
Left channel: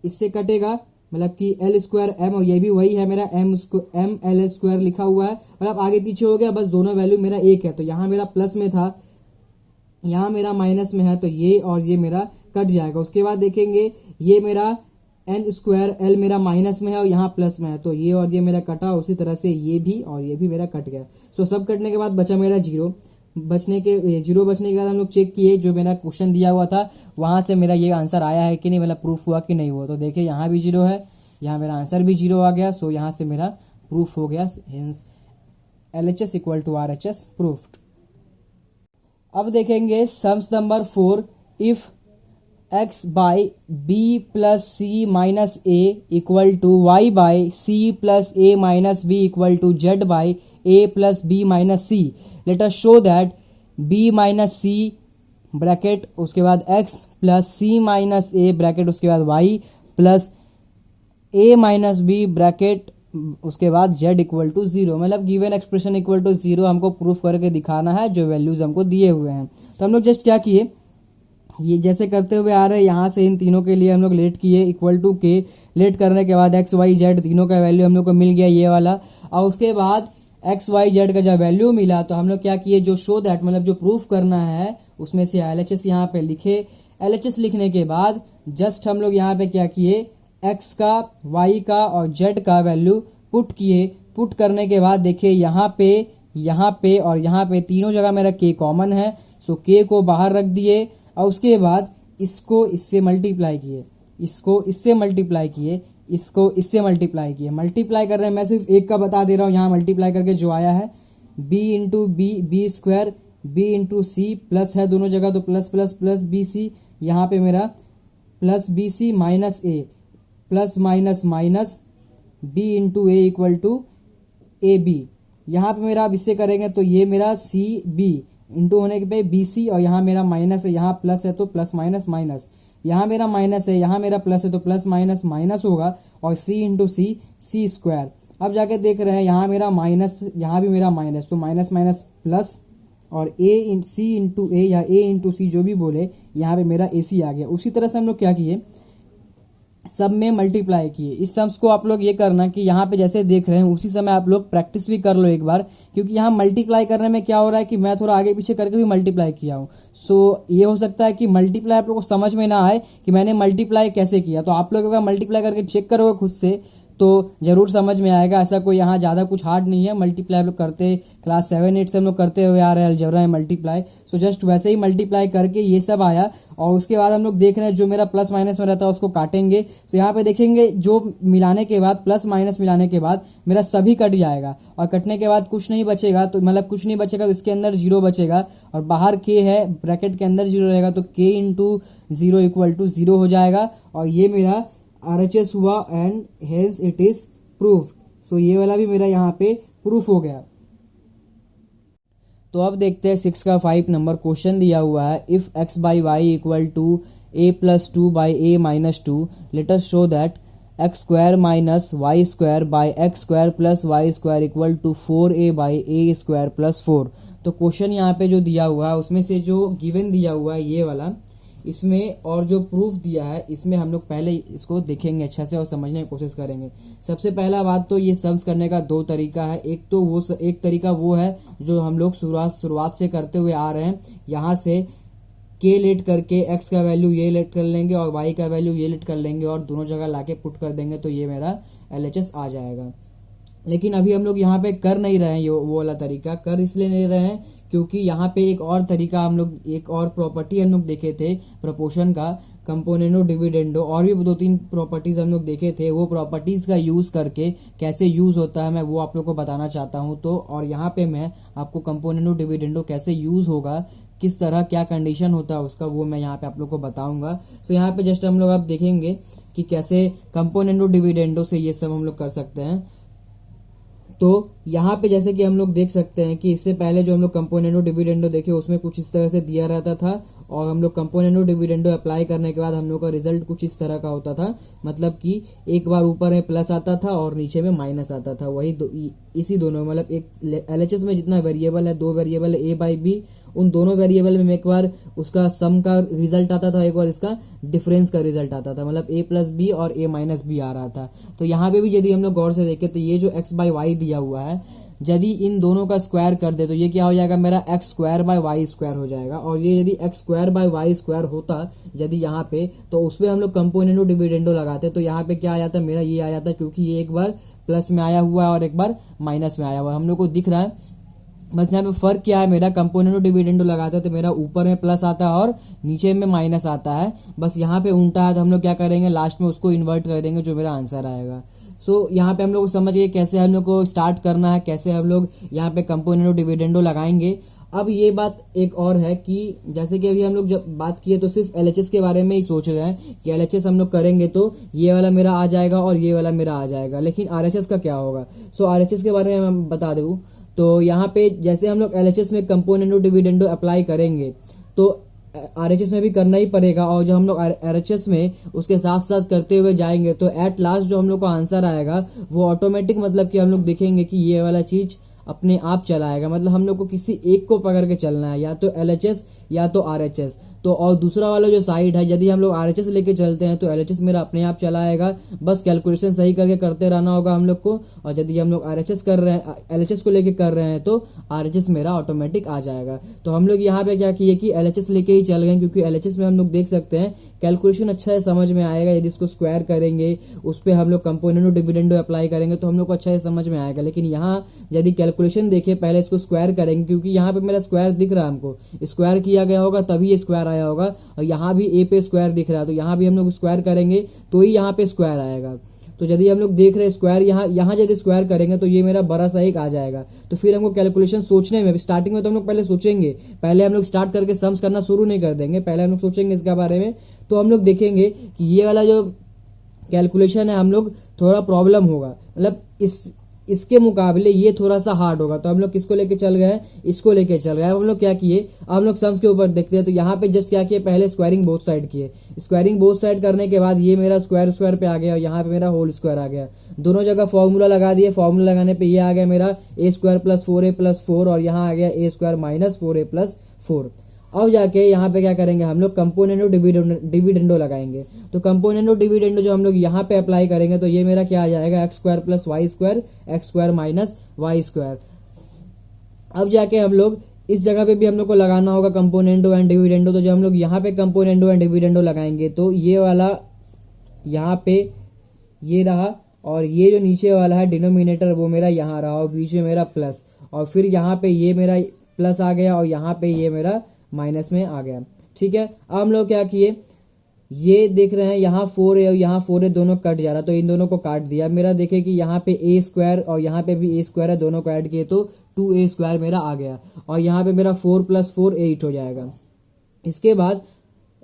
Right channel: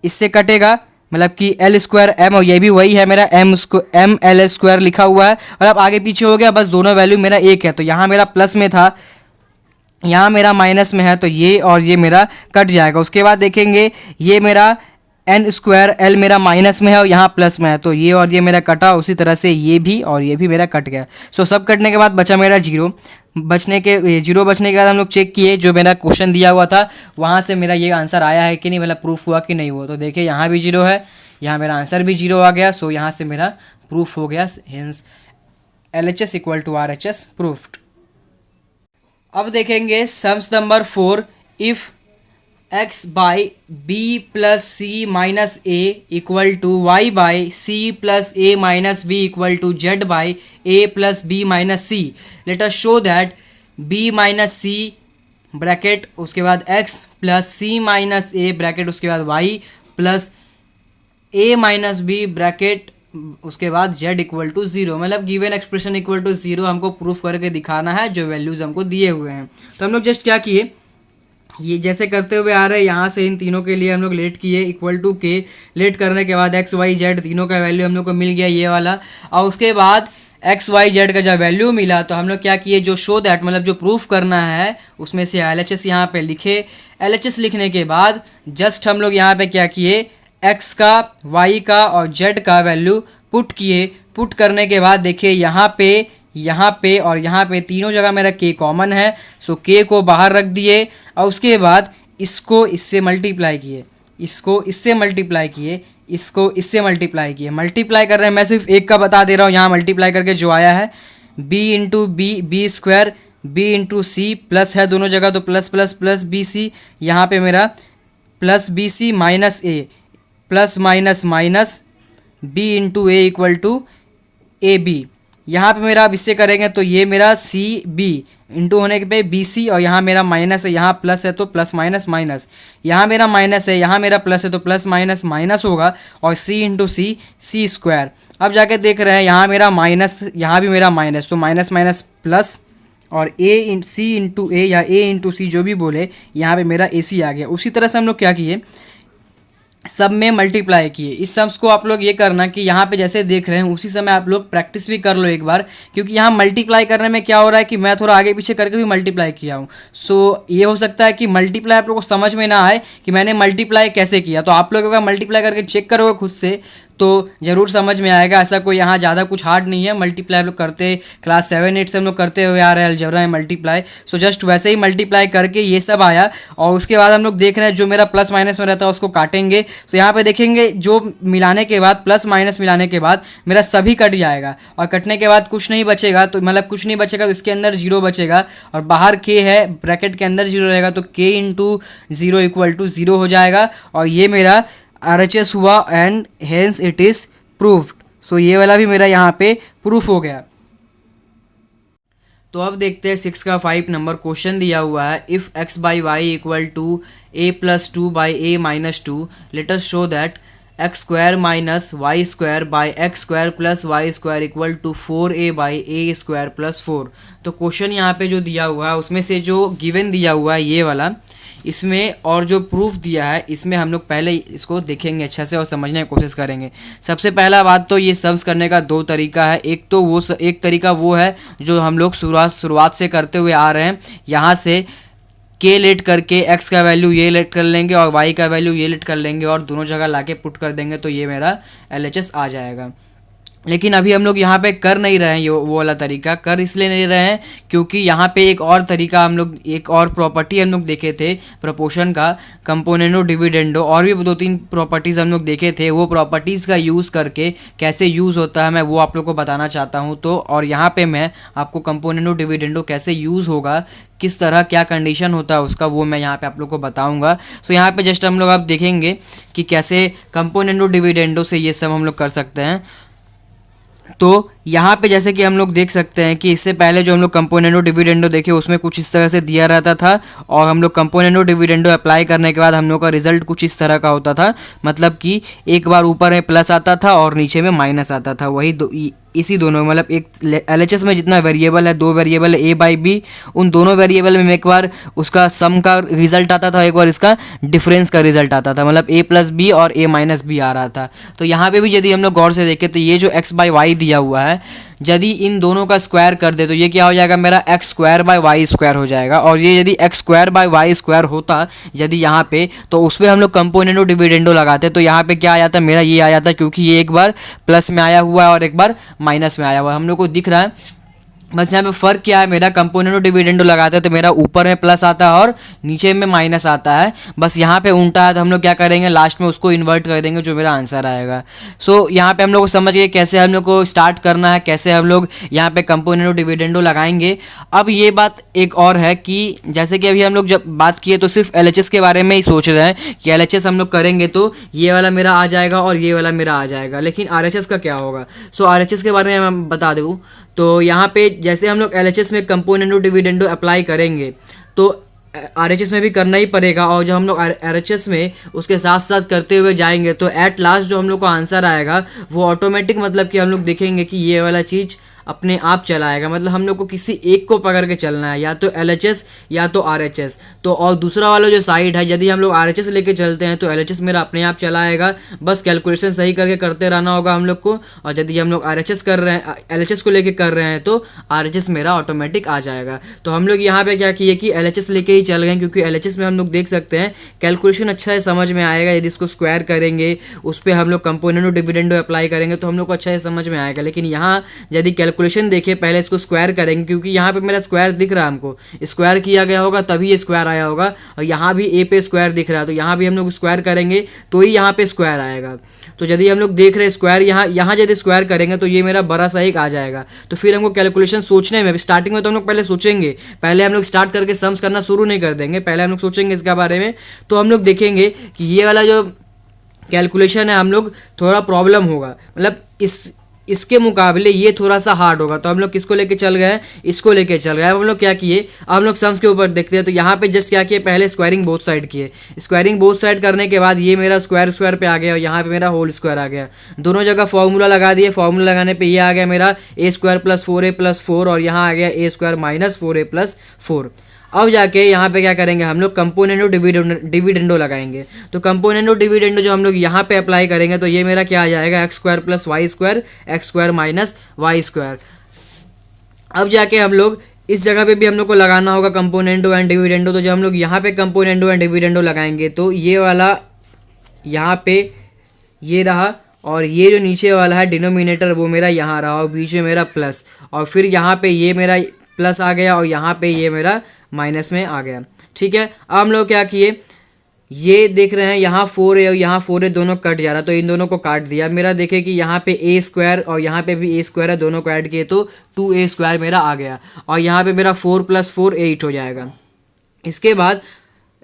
इससे कटेगा, मतलब कि एल स्क्वायर एम, और ये भी वही है मेरा एम एल स्क्वायर लिखा हुआ है। और अब आगे पीछे हो गया, बस दोनों वैल्यू मेरा एक है। तो यहाँ मेरा प्लस में था, यहाँ मेरा माइनस में है, तो ये और ये मेरा कट जाएगा। उसके बाद देखेंगे ये मेरा एन स्क्वायर एल मेरा माइनस में है और यहाँ प्लस में है, तो ये और ये मेरा कटा। उसी तरह से ये भी और ये भी मेरा कट गया। सो सब कटने के बाद बचा मेरा जीरो। जीरो बचने के बाद हम लोग चेक किए जो मेरा क्वेश्चन दिया हुआ था वहाँ से मेरा ये आंसर आया है कि नहीं, मतलब प्रूफ हुआ कि नहीं हुआ। तो देखिए यहाँ भी जीरो है, यहाँ मेरा आंसर भी जीरो आ गया। सो यहाँ से मेरा प्रूफ हो गया, hence LHS equal to RHS proved. अब देखेंगे sums number 4। If x by B plus C minus A equal to Y by C plus A minus B equal to Z by A plus B minus C. Let us show that b minus C bracket उसके बाद x plus C minus A bracket उसके बाद y plus a minus B bracket उसके बाद z equal to 0। मतलब given expression equal to 0 हमको proof करके दिखाना है जो वैल्यूज़ हमको दिए हुए हैं। तो हम लोग जस्ट क्या किए, ये जैसे करते हुए आ रहे हैं, यहाँ से इन तीनों के लिए हम लोग लेट किए इक्वल टू के। लेट करने के बाद एक्स वाई जेड तीनों का वैल्यू हम लोग को मिल गया ये वाला। और उसके बाद एक्स वाई जेड का जब वैल्यू मिला तो हम लोग क्या किए, जो शो दैट मतलब जो प्रूफ करना है उसमें से LHS यहाँ पे लिखे। LHS लिखने के बाद जस्ट हम लोग यहाँ पे क्या किए, एक्स का वाई का और जेड का वैल्यू पुट किए। पुट करने के बाद देखिए यहाँ पे और यहाँ पे तीनों जगह मेरा के कॉमन है। सो के को बाहर रख दिए और उसके बाद इसको इससे मल्टीप्लाई किए, इसको इससे मल्टीप्लाई किए, इसको इससे मल्टीप्लाई किए। मल्टीप्लाई कर रहे हैं, मैं सिर्फ एक का बता दे रहा हूँ। यहाँ मल्टीप्लाई करके जो आया है b into B square b into C plus है दोनों जगह तो plus plus plus B C. यहाँ पे मेरा plus B C minus A plus minus minus b into A equal to A B. यहाँ पे मेरा अब इससे करेंगे तो ये मेरा सी बी इंटू होने पे बी सी, और यहाँ मेरा माइनस है, यहाँ प्लस है तो प्लस माइनस माइनस, यहाँ मेरा माइनस है, यहाँ मेरा प्लस है तो प्लस माइनस माइनस होगा, और सी इंटू सी स्क्वायर। अब जाके देख रहे हैं यहाँ मेरा माइनस, यहाँ भी मेरा माइनस, तो माइनस माइनस प्लस, और ए सी इंटू ए या ए इंटू सी जो भी बोले, यहाँ पे मेरा ए सी आ गया। उसी तरह से हम लोग क्या किए, सब में मल्टीप्लाई किए। इस सम्स को आप लोग ये करना कि यहाँ पे जैसे देख रहे हैं उसी समय आप लोग प्रैक्टिस भी कर लो एक बार, क्योंकि यहाँ मल्टीप्लाई करने में क्या हो रहा है कि मैं थोड़ा आगे पीछे करके भी मल्टीप्लाई किया हूँ। सो ये हो सकता है कि मल्टीप्लाई आप लोग को समझ में ना आए कि मैंने मल्टीप्लाई कैसे किया, तो आप लोग अगर मल्टीप्लाई करके चेक करोगे खुद से तो ज़रूर समझ में आएगा। ऐसा कोई यहाँ ज़्यादा कुछ हार्ड नहीं है, मल्टीप्लाई हम लोग करते क्लास 7-8 से हम लोग करते हुए आ रहे हैं अलजेब्रा में मल्टीप्लाई। सो जस्ट वैसे ही मल्टीप्लाई करके ये सब आया, और उसके बाद हम लोग देख रहे हैं जो मेरा प्लस माइनस में रहता है उसको काटेंगे। सो यहाँ पे देखेंगे जो मिलाने के बाद प्लस माइनस मिलाने के बाद मेरा सभी कट जाएगा, और कटने के बाद कुछ नहीं बचेगा, तो मतलब कुछ नहीं बचेगा तो इसके अंदर जीरो बचेगा, और बाहर के है ब्रैकेट के अंदर जीरो रहेगा, तो K into zero equal to zero हो जाएगा, और ये मेरा RHS हुआ and hence it is proved. So ये वाला भी मेरा यहाँ पे प्रूफ हो गया। तो अब देखते हैं 6 का 5 नंबर क्वेश्चन दिया हुआ है, if x by Y equal to a plus 2 by a minus 2 let us show that X square minus Y square by X square plus Y square equal to 4a by a square plus 4। तो question यहाँ पे जो दिया हुआ है उसमें से जो गिवन दिया हुआ है ये वाला, इसमें और जो प्रूफ दिया है इसमें हम लोग पहले इसको देखेंगे अच्छे से और समझने की कोशिश करेंगे। सबसे पहला बात तो ये सम्स करने का दो तरीका है। एक तरीका वो है जो हम लोग शुरुआत से करते हुए आ रहे हैं, यहाँ से के लेट करके x का वैल्यू ये लेट कर लेंगे और y का वैल्यू ये लेट कर लेंगे और दोनों जगह लाके पुट कर देंगे, तो ये मेरा LHS आ जाएगा। लेकिन अभी हम लोग यहाँ पे कर नहीं रहे हैं ये वो वाला तरीका। कर इसलिए नहीं रहे हैं क्योंकि यहाँ पे एक और तरीका हम लोग, एक और प्रॉपर्टी हम लोग देखे थे प्रपोर्शन का, कंपोनेंडो डिविडेंडो, और भी 2-3 प्रॉपर्टीज़ हम लोग देखे थे। वो प्रॉपर्टीज़ का यूज़ करके कैसे यूज़ होता है मैं वो आप लोग को बताना चाहता हूँ। तो और यहाँ पे मैं आपको कंपोनेंडो डिविडेंडो कैसे यूज़ होगा, किस तरह क्या कंडीशन होता है उसका, वो मैं यहाँ पे आप लोग को बताऊँगा। सो यहाँ पे जस्ट हम लोग आप देखेंगे कि कैसे कंपोनेंडो डिविडेंडो से ये सब हम लोग कर सकते हैं। तो यहाँ पे जैसे कि हम लोग देख सकते हैं कि इससे पहले जो हम लोग कंपोनेंडो डिविडेंडो देखे उसमें कुछ इस तरह से दिया रहता था, और हम लोग कंपोनेंडो डिविडेंडो अप्लाई करने के बाद हम लोग का रिजल्ट कुछ इस तरह का होता था। मतलब कि एक बार ऊपर में प्लस आता था और नीचे में माइनस आता था। वही इसी दोनों मतलब एक LHS में जितना वेरिएबल है, 2 वेरिएबल है A बाई B, उन दोनों वेरिएबल में एक बार उसका सम का रिजल्ट आता था, एक बार इसका डिफरेंस का रिजल्ट आता था, मतलब A प्लस बी और A माइनस बी आ रहा था। तो यहाँ पे भी यदि हम लोग गौर से देखें तो ये जो x बाई वाई दिया हुआ है, यदि इन दोनों का स्क्वायर कर दे तो ये क्या हो जाएगा, मेरा X square by Y square हो जाएगा। और ये यदि X square by Y square होता यदि यहाँ पे, तो उस पर हम लोग कंपोनेंडो डिविडेंडो लगाते, तो यहाँ पे क्या आ जाता, मेरा ये आ जाता, क्योंकि ये एक बार प्लस में आया हुआ है और एक बार माइनस में आया हुआ है, हम लोग को दिख रहा है। बस यहाँ पे फ़र्क क्या है, मेरा कंपोनेंडो डिविडेंडो लगाते हैं तो मेरा ऊपर में प्लस आता है और नीचे में माइनस आता है। बस यहाँ पे उल्टा है, तो हम लोग क्या करेंगे, लास्ट में उसको इन्वर्ट कर देंगे, जो मेरा आंसर आएगा। सो यहाँ पे हम लोग को समझ गए कैसे हम लोग को स्टार्ट करना है, कैसे हम लोग यहाँ पे कंपोनेंडो डिविडेंडो लगाएंगे। अब ये बात एक और है कि जैसे कि अभी हम लोग जब बात किए तो सिर्फ LHS के बारे में ही सोच रहे हैं कि LHS हम लोग करेंगे तो ये वाला मेरा आ जाएगा और ये वाला मेरा आ जाएगा, लेकिन RHS का क्या होगा। सो RHS के बारे में मैं बता दूँ तो यहाँ पे जैसे हम लोग LHS में कंपोनेंडो डिविडेंडो अप्लाई करेंगे तो RHS में भी करना ही पड़ेगा, और जब हम लोग RHS में उसके साथ साथ करते हुए जाएंगे तो एट लास्ट जो हम लोग को आंसर आएगा वो ऑटोमेटिक, मतलब कि हम लोग देखेंगे कि ये वाला चीज़ अपने आप चलाएगा। मतलब हम लोग को किसी एक को पकड़ के चलना है, या तो LHS या तो RHS। तो और दूसरा वाला जो साइड है, यदि हम लोग RHS लेके चलते हैं तो LHS मेरा अपने आप चलाएगा, बस कैलकुलेशन सही करके करते रहना होगा हम लोग को। और यदि हम लोग RHS कर रहे हैं, LHS को लेके कर रहे हैं तो RHS मेरा ऑटोमेटिक आ जाएगा। तो हम लोग यहाँ पे क्या किए कि LHS लेके ही चल गए, क्योंकि LHS में हम लोग देख सकते हैं कैलकुलेशन अच्छा है, समझ में आएगा। यदि इसको स्क्वायर करेंगे, उस पर हम लोग कंपोनेंडो डिविडेंडो अप्लाई करेंगे तो हम लोग को अच्छा है समझ में आएगा। लेकिन यहाँ यदि कैलकुलेशन देखिए, पहले इसको स्क्वायर करेंगे, क्योंकि यहाँ पे मेरा स्क्वायर दिख रहा है, हमको स्क्वायर किया गया होगा तभी ये स्क्वायर आया होगा। और यहाँ भी A पे स्क्वायर दिख रहा है, तो यहाँ भी हम लोग स्क्वायर करेंगे तो ही यहाँ पे स्क्वायर आएगा। तो यदि हम लोग देख रहे हैं स्क्वायर, यहाँ यदि स्क्वायर करेंगे तो ये मेरा बड़ा सा एक आ जाएगा। तो फिर हमको कैलकुलेशन सोचने में, स्टार्टिंग में तो हम लोग पहले सोचेंगे, पहले हम लोग स्टार्ट करके सम्स करना शुरू नहीं कर देंगे, पहले हम लोग सोचेंगे इसके बारे में। तो हम लोग देखेंगे कि ये वाला जो कैलकुलेशन है हम लोग थोड़ा प्रॉब्लम होगा, मतलब इसके मुकाबले ये थोड़ा सा हार्ड होगा। तो हम लोग किसको लेके चल गए हैं, इसको लेके चल गए हैं। अब हम लोग क्या किए, अब हम लोग सम्स के ऊपर देखते हैं। तो यहाँ पे जस्ट क्या किए, पहले स्क्वायरिंग बोथ साइड किए। स्क्वायरिंग बोथ साइड करने के बाद ये मेरा स्क्वायर स्क्वायर पे आ गया और यहाँ पे मेरा होल स्क्वायर आ गया। दोनों जगह फॉर्मूला लगा दिए। फॉर्मूला लगाने पे ये आ गया मेरा ए स्क्वायर प्लस 4a प्लस 4 और यहाँ आ गया A square minus 4a plus 4। अब जाके यहाँ पे क्या करेंगे हम लोग, कंपोनेंडो डिविडेंडो लगाएंगे। तो कंपोनेंडो डिविडेंडो जो हम लोग यहाँ पे अप्लाई करेंगे तो ये मेरा क्या आ जाएगा, X square plus Y square X square minus Y square. अब जाके हम लोग इस जगह पे भी हम लोग को लगाना होगा कंपोनेंडो एंड डिविडेंडो। तो जब हम लोग यहाँ पे कंपोनेंडो एंड डिविडेंडो लगाएंगे तो ये वाला यहाँ पे ये रहा और ये जो नीचे वाला है डिनोमिनेटर वो मेरा यहाँ रहा और बीच में मेरा प्लस, और फिर यहाँ पे ये मेरा प्लस आ गया और यहाँ पे ये मेरा माइनस में आ गया। ठीक है, अब हम लोग क्या किए, ये देख रहे हैं यहाँ 4a और यहाँ 4a दोनों कट जा रहा है तो इन दोनों को काट दिया। मेरा देखे कि यहाँ पे a स्क्वायर और यहाँ पे भी a स्क्वायर है, दोनों को ऐड किए तो 2a स्क्वायर मेरा आ गया और यहाँ पे मेरा 4 प्लस 4 8 हो जाएगा। इसके बाद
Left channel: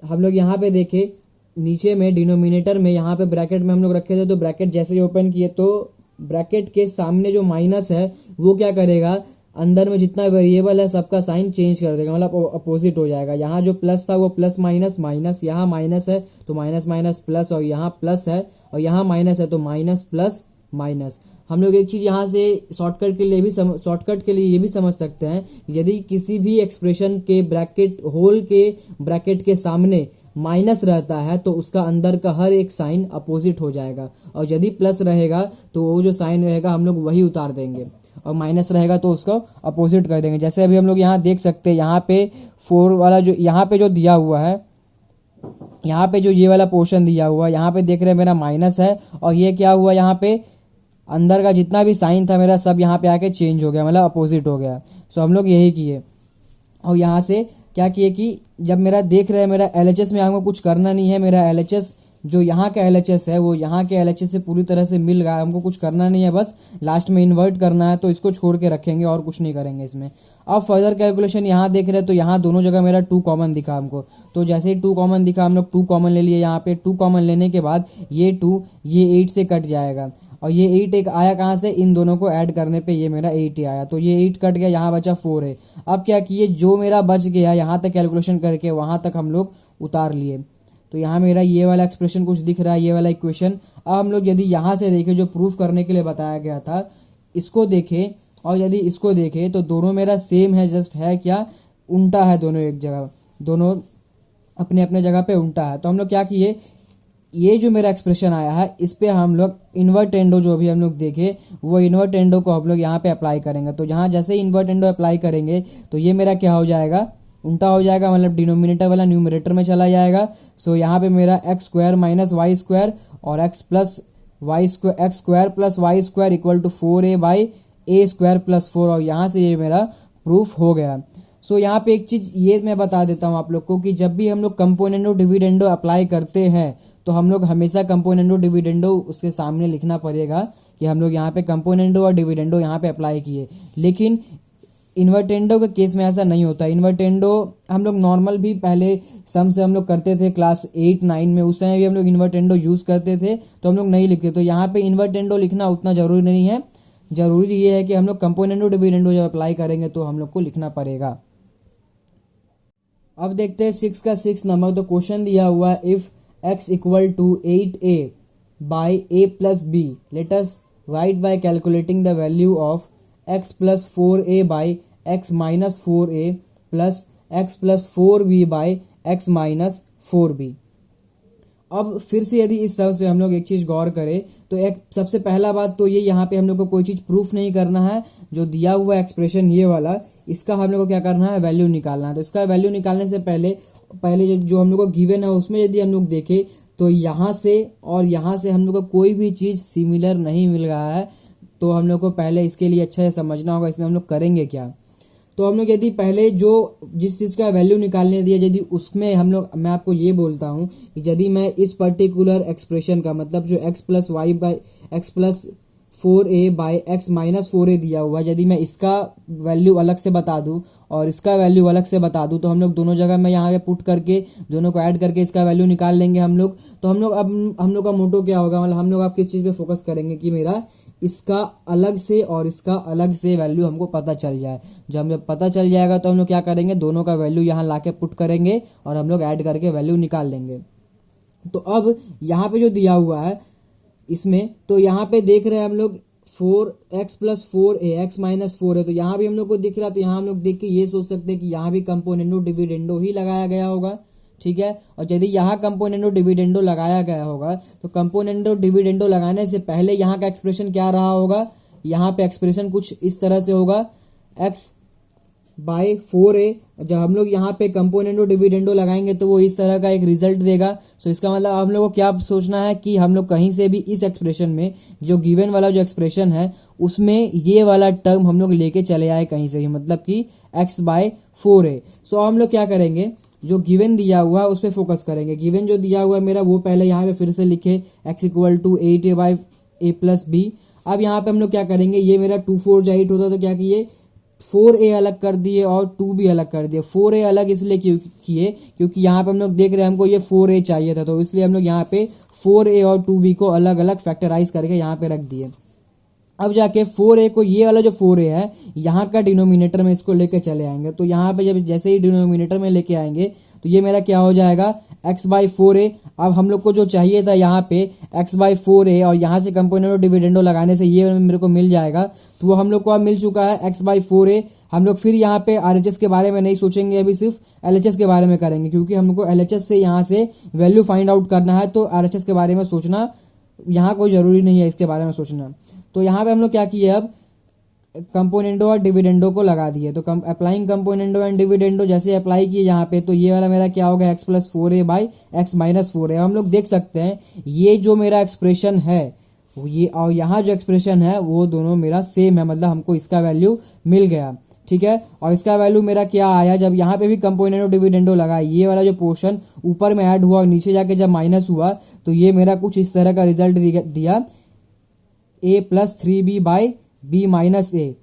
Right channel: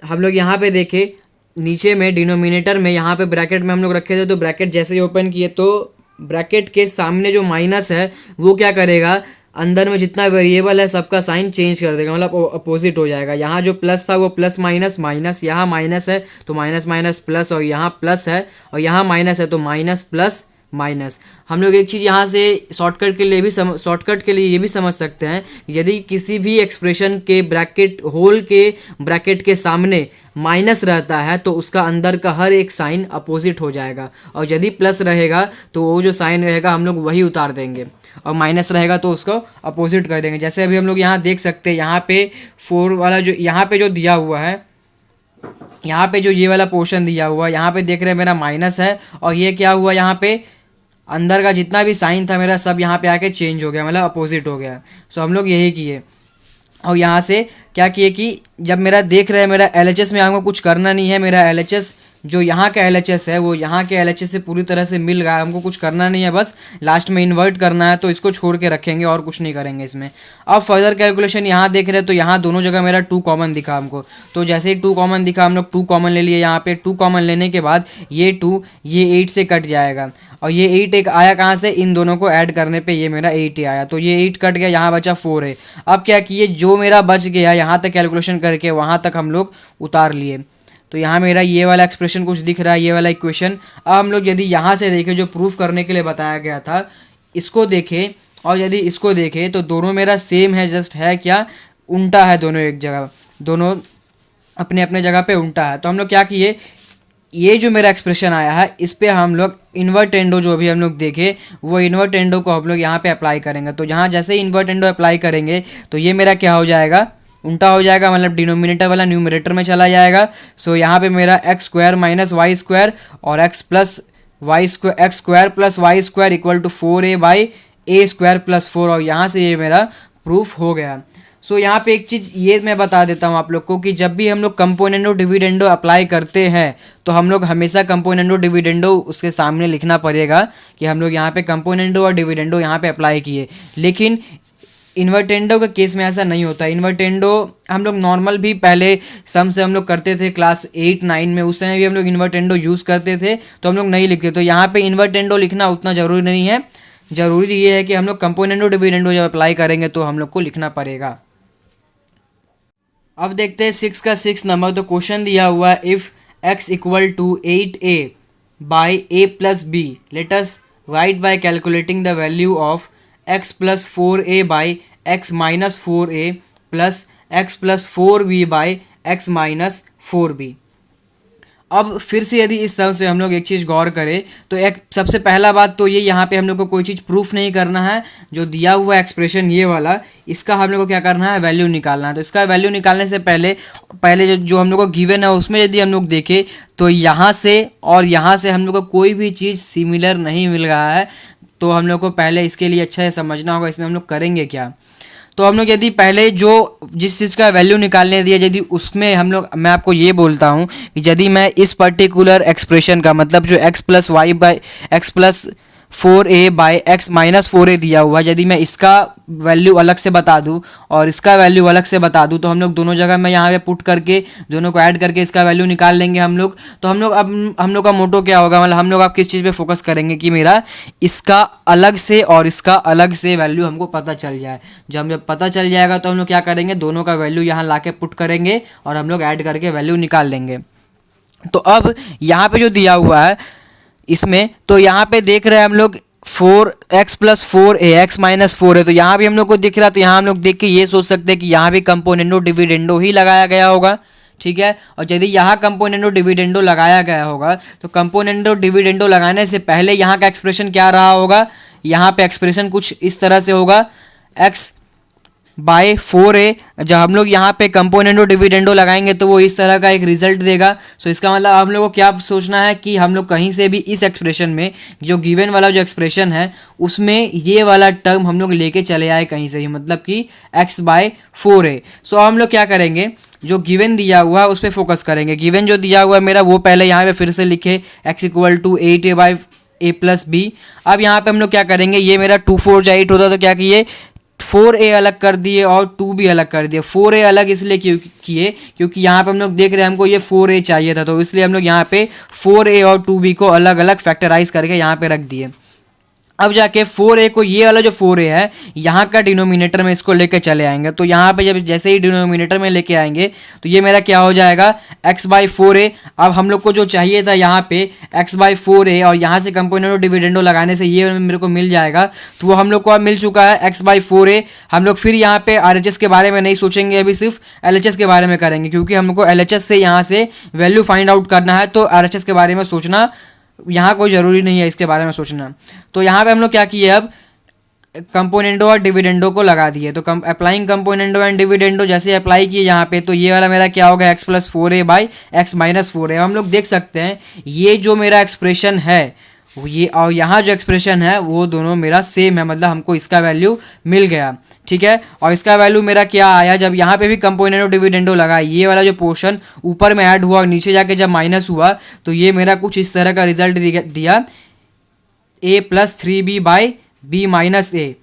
हम लोग यहाँ पे देखे नीचे में डिनोमिनेटर में यहाँ पे ब्रैकेट में हम लोग रखे थे, तो ब्रैकेट जैसे ही ओपन किए तो ब्रैकेट के सामने जो माइनस है वो क्या करेगा, अंदर में जितना वेरिएबल है सबका साइन चेंज कर देगा, मतलब अपोजिट हो जाएगा। यहाँ जो प्लस था वो प्लस माइनस माइनस, यहाँ माइनस है तो माइनस माइनस प्लस, और यहाँ प्लस है और यहाँ माइनस है तो माइनस प्लस माइनस। हम लोग एक चीज़ यहाँ से शॉर्टकट के लिए ये भी समझ सकते हैं, यदि किसी भी एक्सप्रेशन के ब्रैकेट होल के ब्रैकेट के सामने माइनस रहता है तो उसका अंदर का हर एक साइन अपोजिट हो जाएगा, और यदि प्लस रहेगा तो वो जो साइन रहेगा हम लोग वही उतार देंगे, और माइनस रहेगा तो उसको अपोजिट कर देंगे। जैसे अभी हम लोग यहाँ देख सकते हैं, यहाँ पे 4 वाला जो यहाँ पे जो दिया हुआ है, यहाँ पे जो ये वाला पोर्शन दिया हुआ है, यहाँ पे देख रहे हैं मेरा माइनस है और ये क्या हुआ, यहाँ पे अंदर का जितना भी साइन था मेरा सब यहाँ पे आके चेंज हो गया, मतलब अपोजिट हो गया। सो हम लोग यही किए और यहाँ से क्या किए कि जब मेरा देख रहे हैं मेरा LHS में हमको कुछ करना नहीं है, मेरा LHS जो यहाँ का LHS है वो यहाँ के LHS से पूरी तरह से मिल गया, हमको कुछ करना नहीं है, बस लास्ट में इन्वर्ट करना है, तो इसको छोड़ के रखेंगे और कुछ नहीं करेंगे इसमें। अब फर्दर कैलकुलेशन यहाँ देख रहे हैं तो यहाँ दोनों जगह मेरा 2 कॉमन दिखा हमको, तो जैसे ही 2 कॉमन दिखा हम लोग 2 कॉमन ले लिए। यहाँ पे 2 कॉमन लेने के बाद ये 2 ये 8 से कट जाएगा और ये 8 एक आया कहाँ से, इन दोनों को ऐड करने पे ये मेरा 8 ही आया, तो ये 8 कट गया, यहाँ बचा 4 है। अब क्या किए, जो मेरा बच गया यहाँ तक कैलकुलेशन करके वहाँ तक हम लोग उतार लिए। तो यहाँ मेरा ये वाला एक्सप्रेशन कुछ दिख रहा है, ये वाला इक्वेशन। अब हम लोग यदि यहाँ से देखें जो प्रूफ करने के लिए बताया गया था, इसको देखें और यदि इसको देखें तो दोनों मेरा सेम है, जस्ट है क्या, उल्टा है, दोनों एक जगह, दोनों अपने अपने जगह पे उल्टा है। तो हम लोग क्या किए, ये जो मेरा एक्सप्रेशन आया है इस पे हम लोग इन्वर्टेंडो जो भी हम लोग देखे वो इन्वर्टेंडो को हम लोग यहाँ पे अप्लाई करेंगे। तो यहाँ जैसे ही इन्वर्टेंडो अप्लाई करेंगे तो ये मेरा क्या हो जाएगा, उल्टा हो जाएगा, मतलब डिनोमिनेटर वाला न्यूमरेटर में चला जाएगा। सो यहाँ पे मेरा X square minus Y square और x square plus Y square equal to 4a by A square plus 4, और यहाँ से ये मेरा प्रूफ हो गया। सो यहाँ पे एक चीज़ ये मैं बता देता हूँ आप लोग को कि जब भी हम लोग कंपोनेंडो डिविडेंडो अप्लाई करते हैं तो हम लोग हमेशा कंपोनेंडो डिविडेंडो उसके सामने लिखना पड़ेगा कि हम लोग यहाँ पे कंपोनेंडो और डिविडेंडो यहाँ पे अप्लाई किए। लेकिन इन्वर्टेंडो के केस में ऐसा नहीं होता। इन्वर्टेंडो हम लोग नॉर्मल भी पहले सम से हम लोग करते थे क्लास 8-9 में, उस समय भी हम लोग इन्वर्टेंडो यूज़ करते थे तो हम लोग नहीं लिखते। तो यहाँ पे इन्वर्टेंडो लिखना उतना ज़रूरी नहीं है, ज़रूरी ये है कि हम लोग कंपोनेंडो डिविडेंडो जब अप्लाई करेंगे तो हम लोग को लिखना पड़ेगा। अब देखते हैं 6 का 6 नंबर। तो क्वेश्चन दिया हुआ है, if x equal to 8a by a plus B let us write by calculating the value of x plus 4a by x minus 4a plus x plus 4b by x minus 4b। अब फिर से यदि इस तरह से हम लोग एक चीज़ गौर करें तो एक सबसे पहला बात तो ये, यहाँ पे हम लोग को कोई चीज़ प्रूफ नहीं करना है। जो दिया हुआ एक्सप्रेशन ये वाला, इसका हम लोग को क्या करना है, वैल्यू निकालना है। तो इसका वैल्यू निकालने से पहले जो हम लोग को गिवन है उसमें यदि हम लोग देखें तो यहाँ से और यहाँ से हम लोग को कोई भी चीज़ सिमिलर नहीं मिल रहा है। तो हम लोग को पहले इसके लिए अच्छा से समझना होगा इसमें हम लोग करेंगे क्या। तो हम लोग यदि पहले जो जिस चीज़ का वैल्यू निकालने दिया यदि उसमें हम लोग, मैं आपको ये बोलता हूँ कि यदि मैं इस पर्टिकुलर एक्सप्रेशन का मतलब जो x प्लस 4a/x-4a दिया हुआ है। यदि मैं इसका वैल्यू अलग से बता दूं और इसका वैल्यू अलग से बता दूं तो हम लोग दोनों जगह में यहाँ पे पुट करके दोनों को ऐड करके इसका वैल्यू निकाल लेंगे हम लोग। तो हम लोग अब हम लोग का मोटो क्या होगा, मतलब हम लोग अब किस चीज़ पे फोकस करेंगे कि मेरा इसका अलग से और इसका अलग से वैल्यू हमको पता चल जाए। जब पता चल जाएगा तो हम लोग क्या करेंगे, दोनों का वैल्यू यहाँ ला के पुट करेंगे और हम लोग ऐड करके वैल्यू निकाल लेंगे। तो अब यहाँ पे जो दिया हुआ है इसमें, तो यहाँ पे देख रहे हैं हम लोग 4x+4a x-4 है, तो यहाँ भी हम लोग को दिख रहा है। तो यहाँ हम लोग देख के ये सोच सकते हैं कि यहाँ भी कंपोनेंडो डिविडेंडो ही लगाया गया होगा, ठीक है। और यदि यहाँ कंपोनेंडो डिविडेंडो लगाया गया होगा तो कंपोनेंडो डिविडेंडो लगाने से पहले यहाँ का एक्सप्रेशन क्या रहा होगा, यहाँ पे एक्सप्रेशन कुछ इस तरह से होगा x/4a। जब हम लोग यहाँ पे कंपोनेंडो डिविडेंडो लगाएंगे तो वो इस तरह का एक रिजल्ट देगा। सो इसका मतलब हम लोग को क्या सोचना है कि हम लोग कहीं से भी इस एक्सप्रेशन में जो गिवन वाला जो एक्सप्रेशन है उसमें ये वाला टर्म हम लोग लेके चले आए कहीं से ही, मतलब कि x/4a। सो हम लोग क्या करेंगे, जो गिवन दिया हुआ है उस पर फोकस करेंगे। गिवन जो दिया हुआ है मेरा वो पहले यहाँ पे फिर से लिखे x=8a/a+b। अब यहाँ पे हम लोग क्या करेंगे, ये मेरा 2 4 जा 8 होता तो क्या किए, 4a अलग कर दिए और 2 भी अलग कर दिए। 4a अलग इसलिए किए क्योंकि यहाँ पे हम लोग देख रहे हैं हमको ये 4a चाहिए था, तो इसलिए हम लोग यहाँ पे 4a और 2b को अलग अलग फैक्टराइज करके यहाँ पे रख दिए। अब जाके 4a को, ये वाला जो 4a है यहाँ का डिनोमिनेटर में इसको लेके चले आएंगे। तो यहाँ पे जब जैसे ही डिनोमिनेटर में लेके आएंगे तो ये मेरा क्या हो जाएगा, x/4a। अब हम लोग को जो चाहिए था यहाँ पे x/4a और यहाँ से कंपोनेंडो डिविडेंडो लगाने से ये मेरे को मिल जाएगा, तो वो हम लोग को अब मिल चुका है x/4a। हम लोग फिर यहाँ पे RHS के बारे में नहीं सोचेंगे, अभी सिर्फ LHS के बारे में करेंगे क्योंकि हम लोग को LHS से यहाँ से वैल्यू फाइंड आउट करना है। तो RHS के बारे में सोचना यहाँ कोई ज़रूरी नहीं है, इसके बारे में सोचना। तो यहाँ पे हम लोग क्या किए, अब कंपोनेंडो और डिविडेंडो को लगा दिए। तो अप्लाइंग कंपोनेंडो एंड डिविडेंडो जैसे अप्लाई किए यहाँ पे, तो ये वाला मेरा क्या होगा, x+4a/x-4a। हम लोग देख सकते हैं ये जो मेरा एक्सप्रेशन है ये और यहाँ जो एक्सप्रेशन है वो दोनों मेरा सेम है, मतलब हमको इसका वैल्यू मिल गया, ठीक है। और इसका वैल्यू मेरा क्या आया, जब यहाँ पे भी कंपोनेंडो डिविडेंडो लगा, ये वाला जो पोर्शन ऊपर में ऐड हुआ और नीचे जाके जब माइनस हुआ तो ये मेरा कुछ इस तरह का रिजल्ट दिया a+3b/b-a।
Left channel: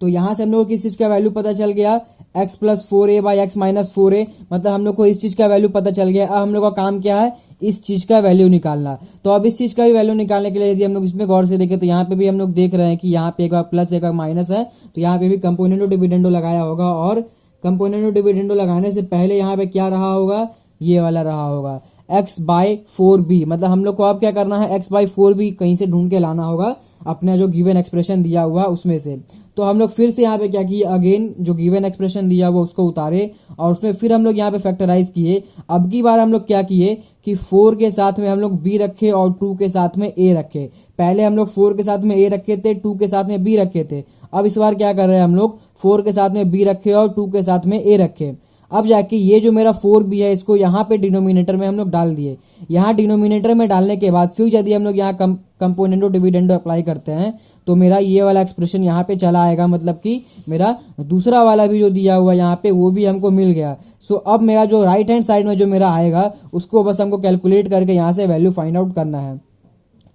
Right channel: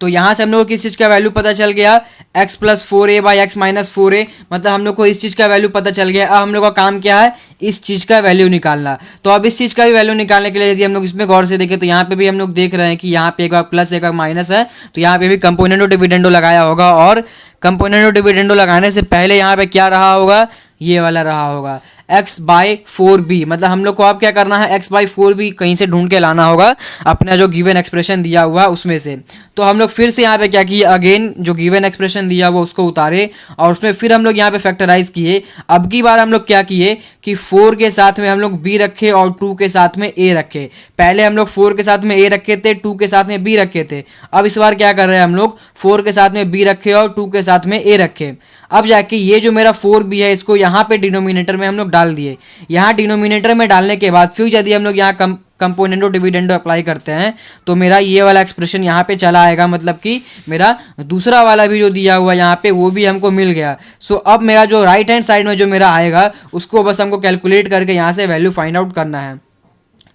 तो यहाँ से हम लोग को किस चीज़ का वैल्यू पता चल गया, x+4a/x-4a, मतलब हम लोग को इस चीज़ का वैल्यू पता चल गया। अब हम लोग का काम क्या है, इस चीज़ का वैल्यू निकालना। तो अब इस चीज़ का भी वैल्यू निकालने के लिए यदि हम लोग इसमें गौर से देखें तो यहाँ पे भी हम लोग देख रहे हैं कि यहाँ पे एक बार प्लस एक बार माइनस है, तो यहाँ पे भी कंपोनेंडो डिविडेंडो लगाया होगा और कंपोनेंडो डिविडेंडो लगाने से पहले यहाँ पे क्या रहा होगा, ये वाला रहा होगा x/4b। मतलब हम लोग को अब क्या करना है, x/4b कहीं से ढूंढ के लाना होगा अपना जो गिवन एक्सप्रेशन दिया हुआ उसमें से। तो हम लोग फिर से यहाँ पे क्या किए, अगेन जो गिवन एक्सप्रेशन दिया हुआ उसको उतारे और उसमें फिर हम लोग यहाँ पे फैक्टराइज किए। अब की बार हम लोग क्या किए कि 4 के साथ में हम लोग b रखे और 2 के साथ में a रखे। पहले हम लोग 4 के साथ में a रखे थे, 2 के साथ में b रखे थे। अब इस बार क्या कर रहे हैं हम लोग, 4 के साथ में b रखे और 2 के साथ में a रखे। अब जाके ये जो मेरा 4b है इसको यहाँ पे डिनोमिनेटर में हम लोग डाल दिए। यहाँ डिनोमिनेटर में डालने के बाद फिर यदि हम लोग यहाँ कंपोनेंडो डिविडेंडो अप्लाई करते हैं तो मेरा ये वाला एक्सप्रेशन यहाँ पे चला आएगा, मतलब कि मेरा दूसरा वाला भी जो दिया हुआ यहाँ पे वो भी हमको मिल गया। सो अब मेरा जो राइट हैंड साइड में जो मेरा आएगा उसको बस हमको कैलकुलेट करके यहाँ से वैल्यू फाइंड आउट करना है।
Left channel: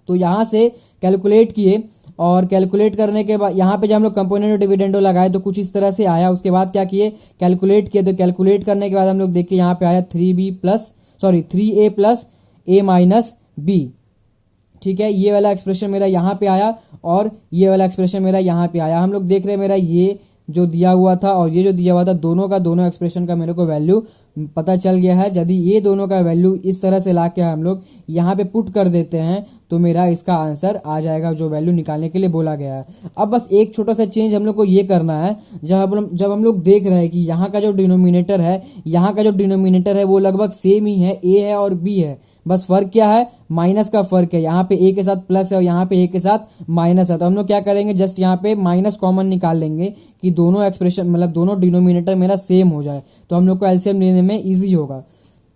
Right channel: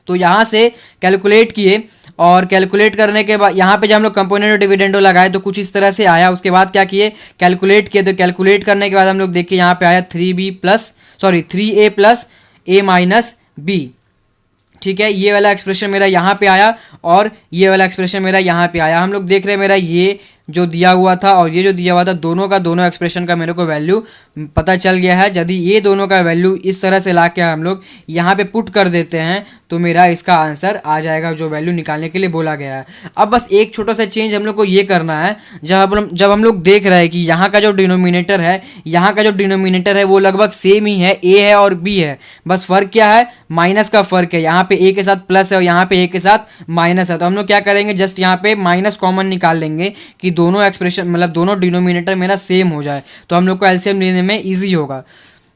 तो यहाँ से कैलकुलेट किए और कैलकुलेट करने के बाद यहाँ पे जब हम लोग कंपोनेंडो डिविडेंडो लगाए तो कुछ इस तरह से आया। उसके बाद क्या किए, कैलकुलेट किए। तो कैलकुलेट करने के बाद हम लोग देखिए यहाँ पे आया 3a+a-b, ठीक है। ये वाला एक्सप्रेशन मेरा यहाँ पे आया और ये वाला एक्सप्रेशन मेरा यहाँ पे आया। हम लोग देख रहे हैं मेरा ये जो दिया हुआ था और ये जो दिया हुआ था दोनों का दोनों एक्सप्रेशन का मेरे को वैल्यू पता चल गया है। यदि ये दोनों का वैल्यू इस तरह से ला के हम लोग यहाँ पे पुट कर देते हैं तो मेरा इसका आंसर आ जाएगा जो वैल्यू निकालने के लिए बोला गया है। अब बस एक छोटा सा चेंज हम लोग को ये करना है, जब हम लोग देख रहे हैं कि यहाँ का जो डिनोमिनेटर है वो लगभग सेम ही है, a है और b है। बस फ़र्क क्या है, माइनस का फ़र्क है। यहाँ पे a के साथ प्लस है और यहाँ पे a के साथ माइनस है। तो हम लोग क्या करेंगे, जस्ट यहाँ पे माइनस कॉमन निकाल लेंगे कि दोनों एक्सप्रेशन मतलब दोनों डिनोमिनेटर मेरा सेम हो जाए, तो हम लोग को एलसीएम लेने में ईजी होगा।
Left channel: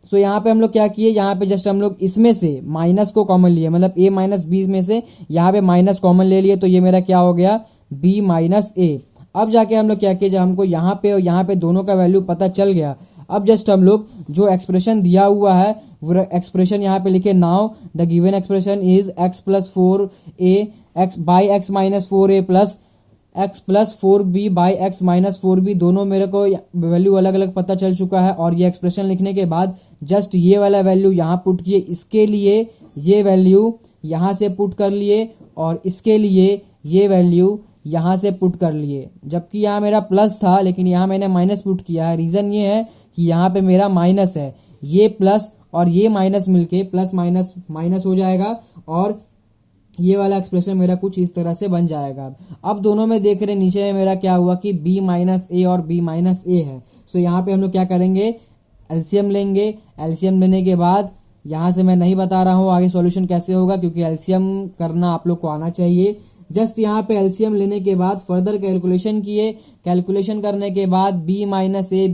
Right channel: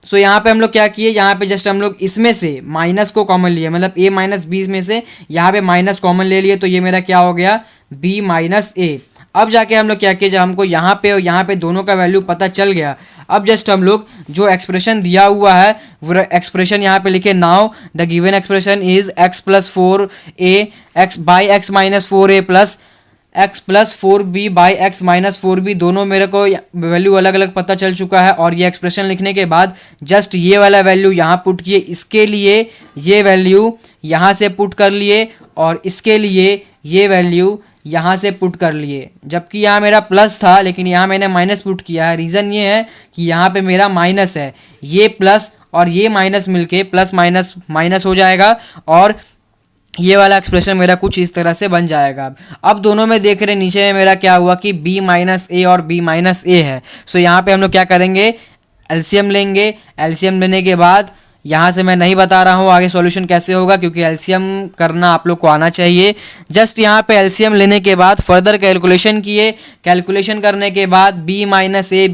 सो यहाँ पे हम लोग क्या किए, यहाँ पे जस्ट हम लोग इसमें से माइनस को कॉमन लिए, मतलब a-b में से यहाँ पे माइनस कॉमन ले लिए। तो ये मेरा क्या हो गया, b-a। अब जाके हम लोग क्या किए, जब हमको यहाँ पे और यहाँ पे दोनों का वैल्यू पता चल गया, अब जस्ट हम लोग जो एक्सप्रेशन दिया हुआ है वो एक्सप्रेशन यहाँ पे लिखे, now the given expression is x plus four A X by X minus four A plus x plus four B by X minus four B. दोनों मेरे को वैल्यू अलग अलग पता चल चुका है, और ये एक्सप्रेशन लिखने के बाद जस्ट ये वाला वैल्यू यहाँ पुट किए, इसके लिए ये वैल्यू यहाँ से पुट कर लिए, और इसके लिए ये वैल्यू यहाँ से पुट कर लिए। जबकि यहाँ मेरा प्लस था लेकिन यहाँ मैंने माइनस पुट किया है। रीज़न ये है कि यहाँ पे मेरा माइनस है, ये प्लस और ये माइनस मिलके प्लस माइनस माइनस हो जाएगा, और ये वाला एक्सप्रेशन मेरा कुछ इस तरह से बन जाएगा। अब दोनों में देख रहे नीचे में मेरा क्या हुआ कि b माइनस ए और b माइनस ए है। सो यहाँ पे हम लोग क्या करेंगे, एलसीएम लेंगे। एलसीएम लेने के बाद यहाँ से मैं नहीं बता रहा हूँ आगे सॉल्यूशन कैसे होगा, क्योंकि एलसीएम करना आप लोग को आना चाहिए। जस्ट यहाँ पे एलसीएम लेने के बाद फर्दर कैलकुलेशन किए। कैलकुलेशन करने के बाद b माइनस ए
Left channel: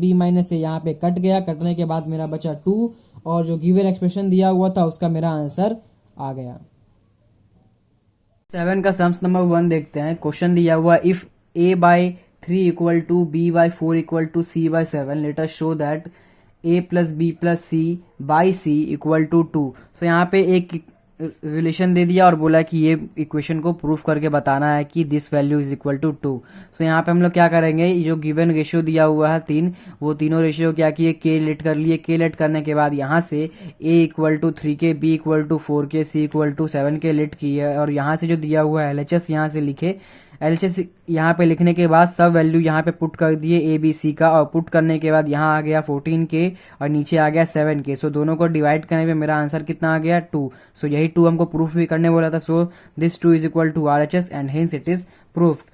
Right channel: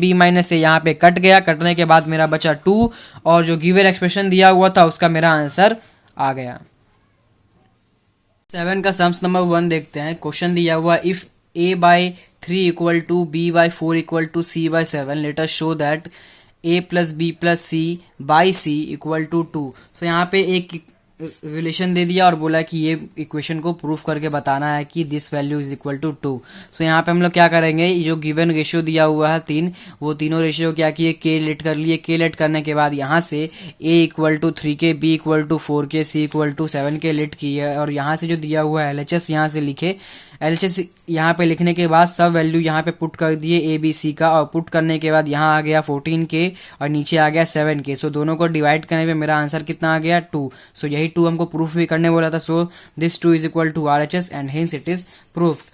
यहाँ पे कट गया। कटने के बाद मेरा बचा 2, और जो गिवन एक्सप्रेशन दिया हुआ था उसका मेरा आंसर आ गया। 7 का सम्स नंबर 1 देखते हैं। क्वेश्चन दिया हुआ, if a by 3 equal to b by 4 equal to c by 7 let us show that a plus B plus c by c equal to 2। So यहाँ पे एक रिलेशन दे दिया और बोला कि ये इक्वेशन को प्रूफ करके बताना है कि this value is equal to 2। So यहाँ पे हम लोग क्या करेंगे, ये जो गिवन रेशियो दिया हुआ है 3, वो तीनों रेशियो क्या किए, के लेट कर लिए। के लेट करने के बाद यहाँ से a इक्वल टू 3 के, b इक्वल टू 4 के, c इक्वल टू 7 के लेट किए, और यहाँ से जो दिया हुआ है LHS यहाँ से लिखे। LHS यहाँ पे लिखने के बाद सब वैल्यू यहाँ पे पुट कर दिए a b c का, और पुट करने के बाद यहाँ आ गया 14 के और नीचे आ गया 7 के। सो दोनों को डिवाइड करने पे मेरा आंसर कितना आ गया, 2। सो यही 2 हमको प्रूफ भी करने बोला था। So this 2 is equal to RHS and hence it is proved.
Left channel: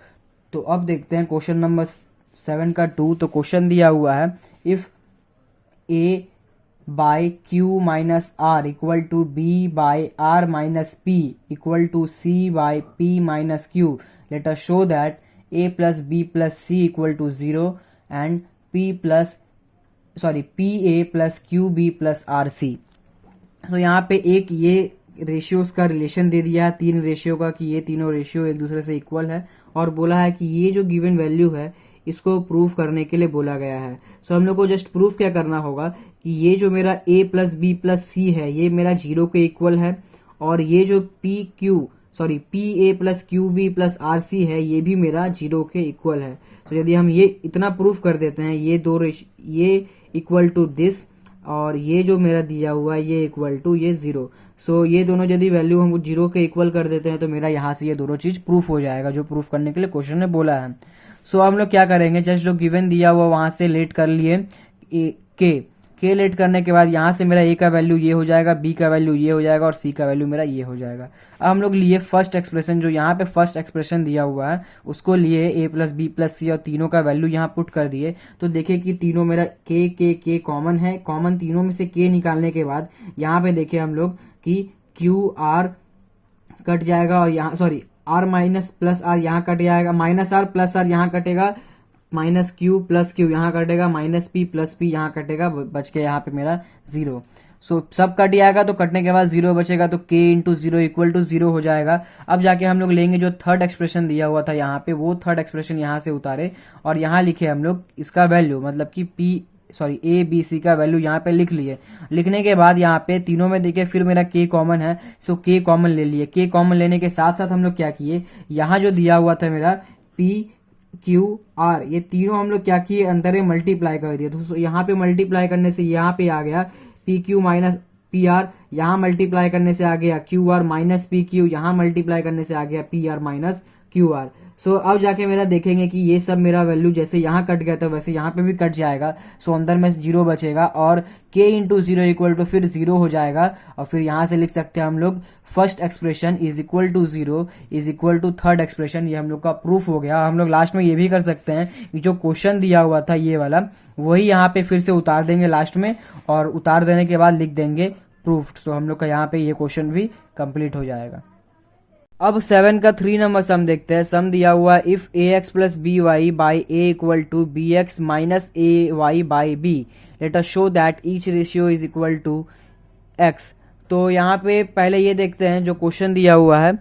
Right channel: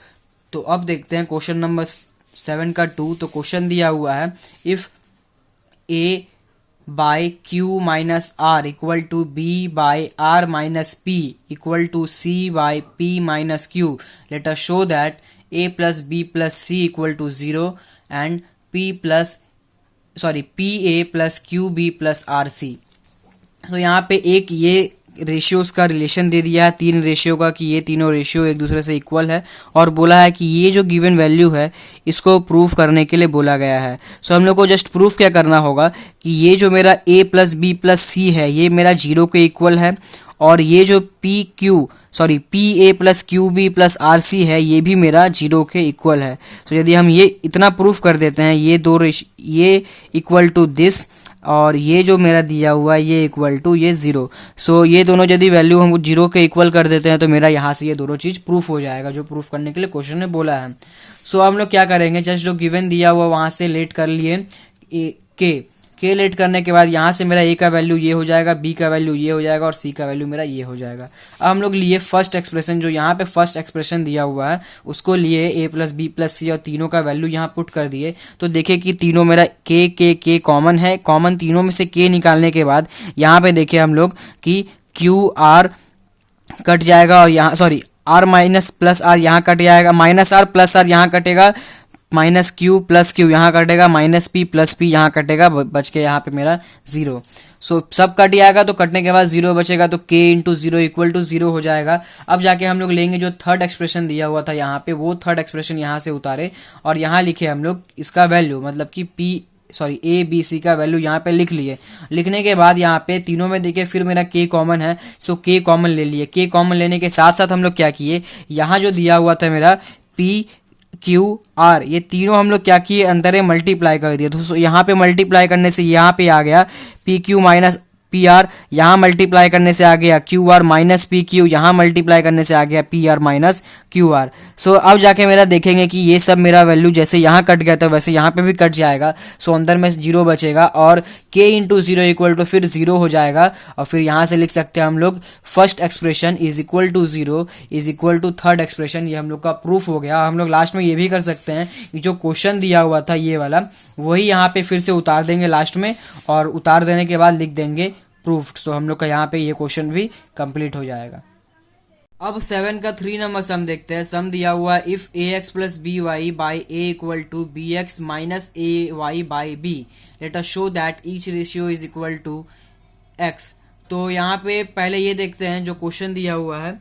तो अब देखते हैं क्वेश्चन नंबर 7 का 2। तो क्वेश्चन दिया हुआ है, if a by Q minus R equal to B by R minus P equal to C by P minus Q let us show that a plus B plus C equal to 0 and P A plus Q B plus R C. So यहाँ पे एक ये ratios का relation दे दिया है, 3 ratio का, कि ये तीनों रेशियो एक दूसरे से इक्वल है, और बोला है कि ये जो गिवन वैल्यू है इसको प्रूफ करने के लिए बोला गया है। सो हम लोग को जस्ट प्रूफ क्या करना होगा कि ये जो मेरा a प्लस बी प्लस सी है ये मेरा 0 के इक्वल है, और ये जो P A plus Q B plus R C है ये भी मेरा 0 के इक्वल है। सो यदि हम ये इतना प्रूफ कर देते हैं, ये इक्वल टू दिस, और ये जो मेरा दिया हुआ है ये इक्वल टू ये 0। सो ये दोनों यदि वैल्यू हम 0 के इक्वल कर देते हैं तो मेरा यहाँ से ये दोनों चीज़ प्रूफ हो जाएगा, जो प्रूफ करने के लिए क्वेश्चन ने बोला है। सो हम लोग क्या करेंगे, जस्ट जो गिवन दिया हुआ वहाँ से लेट कर लिए के लेट करने के बाद यहाँ से मेरा a का वैल्यू ये हो जाएगा, b का वैल्यू ये हो जाएगा, और c का वैल्यू मेरा ये हो जाएगा। अब हम लोग लिए फर्स्ट एक्सप्रेशन, जो यहाँ पे फर्स्ट एक्सप्रेशन दिया हुआ है उसको लिए a प्लस बी प्लस सी, और तीनों का वैल्यू यहाँ पुट कर दिए। तो देखिए कि तीनों मेरा k कॉमन है। कॉमन तीनों में से k निकालने के बाद यहाँ पे देखिए हम लोग कि q r कट जाएगा, और यहाँ r माइनस प्लस r यहाँ कट जाएगा, माइनस r प्लस r यहाँ कटेगा, माइनस क्यू प्लस क्यू यहाँ कटेगा, माइनस पी प्लस पी यहाँ कटेगा, बच के यहाँ पे मेरा 0। सो सब कट जाएगा, तो कटने के बाद 0 बचेगा, तो k इंटू 0 इक्वल टू 0 हो जाएगा। अब जाके हम लोग लेंगे जो थर्ड एक्सप्रेशन दिया हुआ था यहाँ पे, वो थर्ड एक्सप्रेशन यहाँ से उतारे और यहाँ लिखे हम लोग इसका वैल्यू, मतलब कि ए बी सी का वैल्यू यहाँ पे लिख लिए। लिखने के बाद यहाँ पे तीनों में देखिए फिर मेरा k कॉमन है, सो k कॉमन ले लिए। k कॉमन लेने के साथ साथ हम लोग क्या किए, यहाँ जो दिया हुआ था मेरा p क्यू आर, ये तीनों हम लोग क्या किए, अंदर मल्टीप्लाई कर दिए। तो यहाँ पे मल्टीप्लाई करने से यहाँ पे आ गया P Q minus P R, यहाँ मल्टीप्लाई करने से आ गया Q R minus P Q, यहाँ मल्टीप्लाई करने से आ गया P R minus Q R. So अब जाके मेरा देखेंगे कि ये सब मेरा वैल्यू जैसे यहाँ कट गया था वैसे यहाँ पे भी कट जाएगा। सो अंदर में 0 बचेगा, और k इंटू 0 इक्वल टू फिर 0 हो जाएगा, और फिर यहाँ से लिख सकते हैं हम लोग first expression is equal to 0 is equal to third expression. ये हम लोग का प्रूफ हो गया। हम लोग लास्ट में ये भी कर सकते हैं कि जो क्वेश्चन दिया हुआ था ये वाला, वही यहाँ पे फिर से उतार देंगे लास्ट में, और उतार देने के बाद लिख देंगे प्रूफ्ड। सो हम लोग का यहाँ पे ये क्वेश्चन भी कंप्लीट हो जाएगा। अब 7 का 3 नंबर सम देखते हैं। सम दिया हुआ if A X plus B Y by A equal to B X minus A Y by B let us show that each ratio is equal to X. तो यहाँ पे पहले ये देखते हैं जो क्वेश्चन दिया हुआ है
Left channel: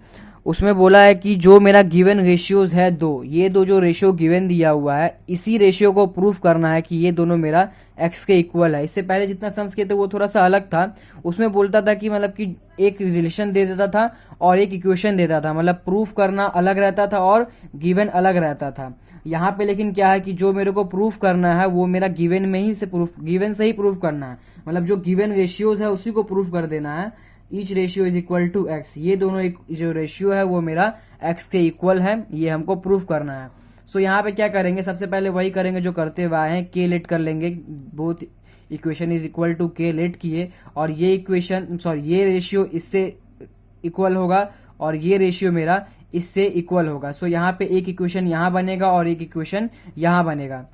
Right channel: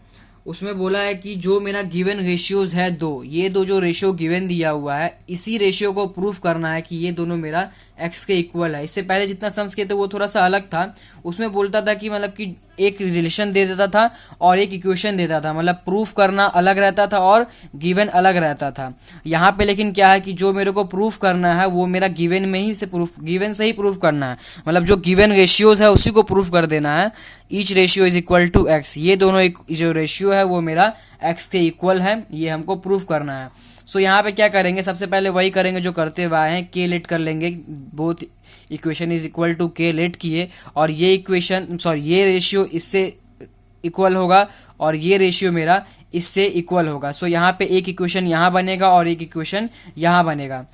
उसमें बोला है कि जो मेरा गिवन रेशियोज है दो, ये दो जो रेशियो गिवन दिया हुआ है, इसी रेशियो को प्रूफ करना है कि ये दोनों मेरा एक्स के इक्वल है। इससे पहले जितना सम्स किए थे वो थोड़ा सा अलग था, उसमें बोलता था कि मतलब कि एक रिलेशन दे देता था और एक इक्वेशन देता था, मतलब प्रूफ करना अलग रहता था और गिवन अलग रहता था। यहाँ पे लेकिन क्या है कि जो मेरे को प्रूफ करना है वो मेरा गिवन में ही से प्रूफ, गिवन से ही प्रूफ करना है, मतलब जो गिवन रेशियोज है उसी को प्रूफ कर देना है। Each ratio is equal to X, ये दोनों जो रेशियो है वो मेरा एक्स के इक्वल है, ये हमको प्रूफ करना है। सो यहाँ पे क्या करेंगे, सबसे पहले वही करेंगे जो करते हुए आए हैं, के लेट कर लेंगे, both equation is equal to K let किए, और ये इक्वेशन ये रेशियो इससे इक्वल होगा और ये रेशियो मेरा इससे इक्वल होगा। सो यहाँ पे एक इक्वेशन यहाँ बनेगा और एक इक्वेशन यहाँ बनेगा।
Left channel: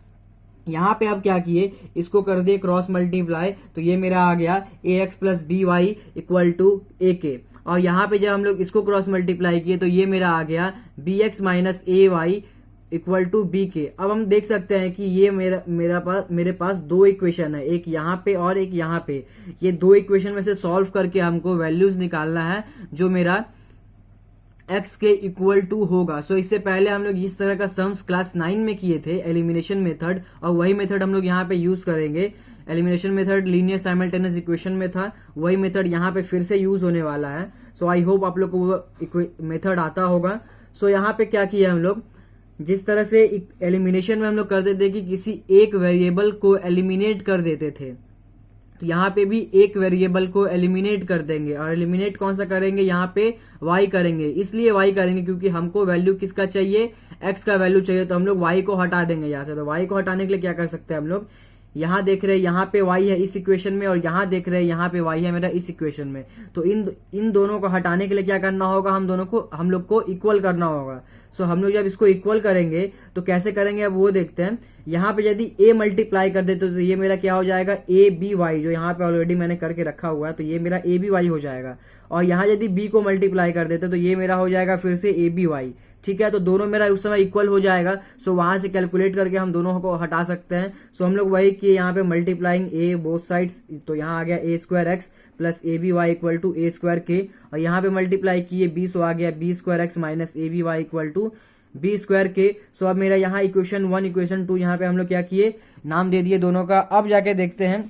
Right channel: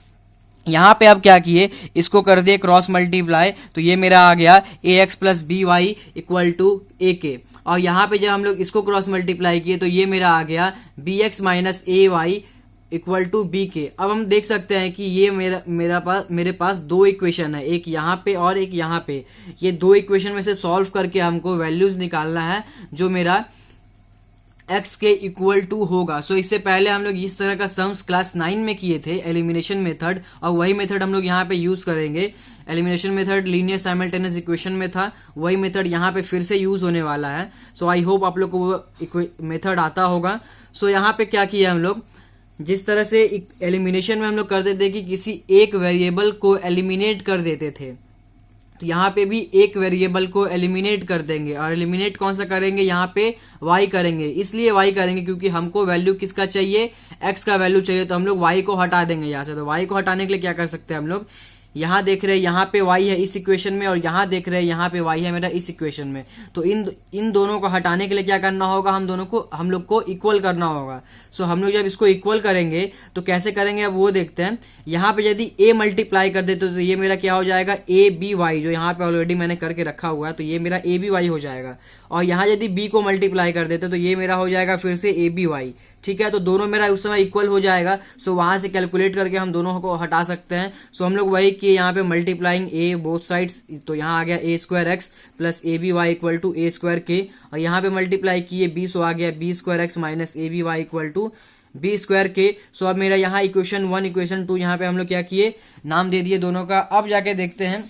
यहाँ पे अब क्या किए, इसको कर दिए क्रॉस मल्टीप्लाई, तो ये मेरा आ गया A X plus B Y equal to A K, और यहाँ पे जब हम लोग इसको क्रॉस मल्टीप्लाई किए तो ये मेरा आ गया B X minus A Y equal to B K. अब हम देख सकते हैं कि ये मेरे पास दो इक्वेशन है, एक यहाँ पे और एक यहाँ पे। ये दो इक्वेशन में से सॉल्व करके हमको वैल्यूज निकालना है जो मेरा x के इक्वल टू होगा। सो इससे पहले हम लोग इस तरह का सम्स क्लास 9 में किए थे, एलिमिनेशन मेथड, और वही मेथड हम लोग यहाँ पे यूज़ करेंगे। Elimination method linear simultaneous equation में था, वही मेथड यहाँ पे फिर से यूज़ होने वाला है। सो आई होप आप लोग को वो मेथड आता होगा। सो यहाँ पे क्या किया हम लोग, जिस तरह से एलिमिनेशन में हम लोग करते थे कि किसी एक वेरिएबल को एलिमिनेट कर देते थे, तो यहाँ पे भी एक वेरिएबल को एलिमिनेट कर देंगे, और एलिमिनेट कौन सा करेंगे, यहाँ पे y करेंगे। इसलिए y करेंगे क्योंकि हमको वैल्यू किसका चाहिए, x का वैल्यू चाहिए, तो हम लोग y को हटा देंगे यहाँ से। तो y को हटाने के लिए क्या कर सकते हैं हम लोग, यहाँ देख रहे हैं यहाँ पे y है इस इक्वेशन में, और यहाँ देख रहे हैं यहाँ पे y है मेरा इस इक्वेशन में। तो इन दोनों को हटाने के लिए क्या करना होगा, हम लोग को इक्वल करना होगा। सो हम लोग जब इसको इक्वल करेंगे तो कैसे करेंगे अब वो देखते हैं। यहाँ पे यदि a मल्टीप्लाई कर देते तो ये मेरा क्या हो जाएगा, ए बी वाई, जो यहाँ पे ऑलरेडी मैंने करके रखा हुआ है, तो ये मेरा ए बी वाई हो जाएगा। और यहाँ यदि b को मल्टीप्लाई कर देते तो ये मेरा हो जाएगा फिर से ए बी वाई। ठीक है, तो दोनों मेरा उस समय इक्वल हो जाएगा। सो वहाँ से कैलकुलेट करके हम दोनों को हटा सकते हैं। सो हम लोग वही किए, यहाँ पे मल्टीप्लाइंग ए बोथ साइड्स, तो यहाँ आ गया A square X plus A B Y equal to A square K, और यहाँ पे मल्टीप्लाई किए बी, सो आ गया B square X minus A B Y equal to B square K. So अब मेरा यहाँ इक्वेशन 1 इक्वेशन 2 यहाँ पे हम लोग क्या किए, नाम दे दिए दोनों का। अब जाके देखते हैं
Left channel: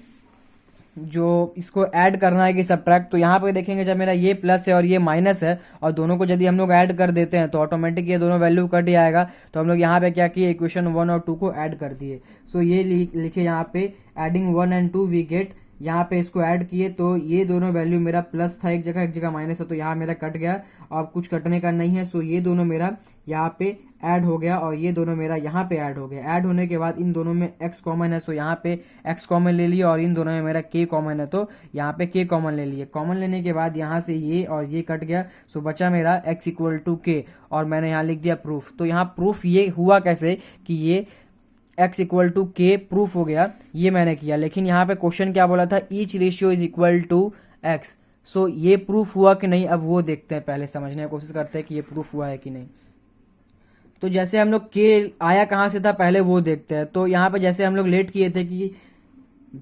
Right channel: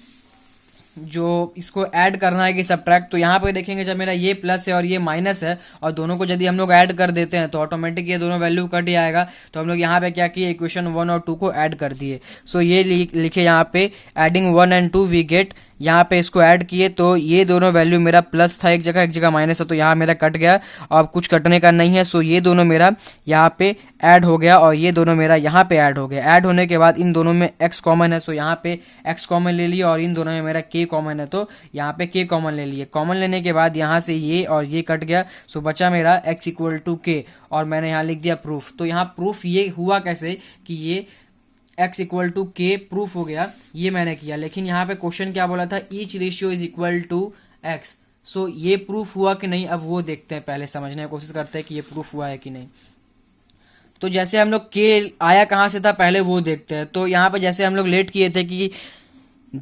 जो इसको ऐड करना है कि सब्ट्रैक्ट, तो यहाँ पे देखेंगे जब मेरा ये प्लस है और ये माइनस है और दोनों को यदि हम लोग ऐड कर देते हैं तो ऑटोमेटिक ये दोनों वैल्यू कट ही आएगा। तो हम लोग यहाँ पे क्या किए, इक्वेशन 1 और 2 को ऐड कर दिए। सो ये लिखे यहाँ पे एडिंग 1 and 2 वी गेट, यहाँ पे इसको ऐड किए तो ये दोनों वैल्यू मेरा प्लस था, एक जगह माइनस है, तो यहाँ मेरा कट गया और कुछ कटने का नहीं है। सो ये दोनों मेरा यहाँ पे ऐड हो गया और ये दोनों मेरा यहाँ पे ऐड हो गया। ऐड होने के बाद इन दोनों में x कॉमन है, सो यहाँ पे x कॉमन ले लिया, और इन दोनों में मेरा k कॉमन है तो यहाँ पे k कॉमन ले लिए। कॉमन लेने के बाद यहाँ से ये और ये कट गया, सो बचा मेरा x इक्वल टू k, और मैंने यहाँ लिख दिया प्रूफ। तो यहाँ प्रूफ ये हुआ कैसे कि ये x इक्वल टू के प्रूफ हो गया, ये मैंने किया। लेकिन यहाँ पे क्वेश्चन क्या बोला था, each ratio is equal to x। So ये प्रूफ हुआ कि नहीं, अब वो देखते हैं, पहले समझने की कोशिश करते हैं कि ये प्रूफ हुआ है कि नहीं। तो जैसे हम लोग के आया कहाँ से था पहले वो देखते हैं। तो यहाँ पे जैसे हम लोग लेट किए थे कि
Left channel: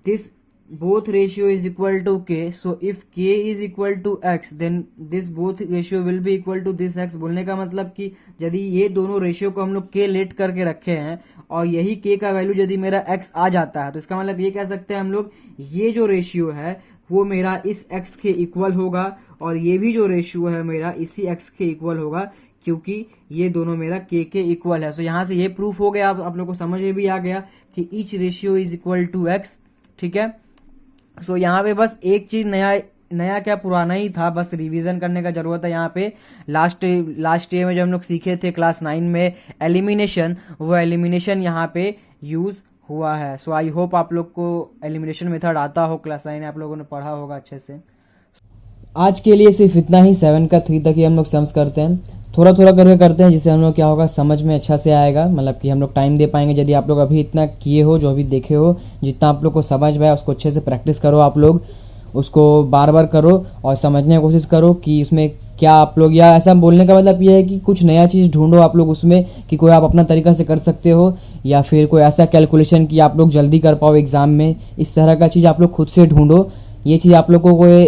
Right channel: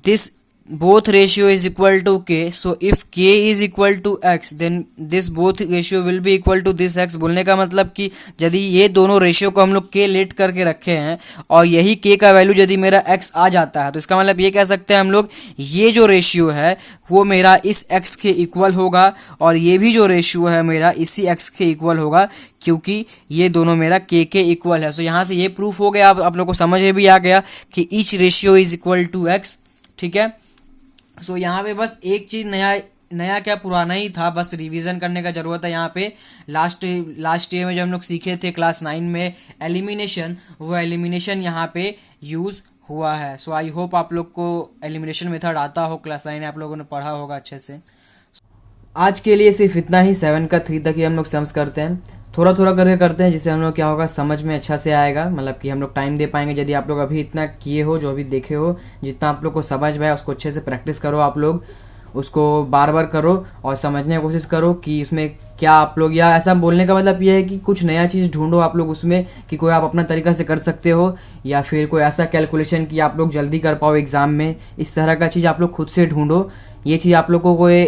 this both ratio is equal to k, so if k is equal to x then this both ratio will be equal to this x। बोलने का मतलब कि यदि ये दोनों रेशियो को हम लोग k लेट करके रखे हैं और यही k का वैल्यू यदि मेरा x आ जाता है, तो इसका मतलब ये कह सकते हैं हम लोग ये जो रेशियो है वो मेरा इस x के इक्वल होगा, और ये भी जो रेशियो है मेरा इसी x के इक्वल होगा, क्योंकि ये दोनों मेरा k के इक्वल है। सो यहाँ से ये प्रूफ हो गया, आप लोग को समझ में भी आ गया कि each ratio is equal to x। ठीक है, सो यहाँ पे बस एक चीज़ नया क्या पुराना ही था, बस रिवीजन करने का ज़रूरत है। यहाँ पे लास्ट ईयर में जो हम लोग सीखे थे क्लास 9 में एलिमिनेशन, वो एलिमिनेशन यहाँ पे यूज़ हुआ है। सो आई होप आप लोग को एलिमिनेशन मेथड आता हो, क्लास 9 आप लोगों ने पढ़ा होगा अच्छे से। आज के लिए सिर्फ इतना ही, 7 का 3 तक ही हम लोग सम्स करते हैं, थोड़ा थोड़ा करके करते हैं, जिससे हम लोग क्या होगा समझ में अच्छा से आएगा, मतलब कि हम लोग टाइम दे पाएंगे। यदि आप लोग अभी इतना किए हो, जो अभी देखे हो, जितना आप लोग को समझ में आए उसको अच्छे से प्रैक्टिस करो, आप लोग उसको बार बार करो और समझने की कोशिश करो कि उसमें क्या आप लोग, या ऐसा बोलने का मतलब ये है कि कुछ नया चीज़ ढूंढो आप लोग उसमें, कि कोई आप अपना तरीका से कर सकते हो, या फिर कोई ऐसा कैलकुलेशन कि आप लोग जल्दी कर पाओ एग्ज़ाम में, इस तरह का चीज़ आप लोग खुद से ढूंढो। ये चीज़ आप लोग को कोई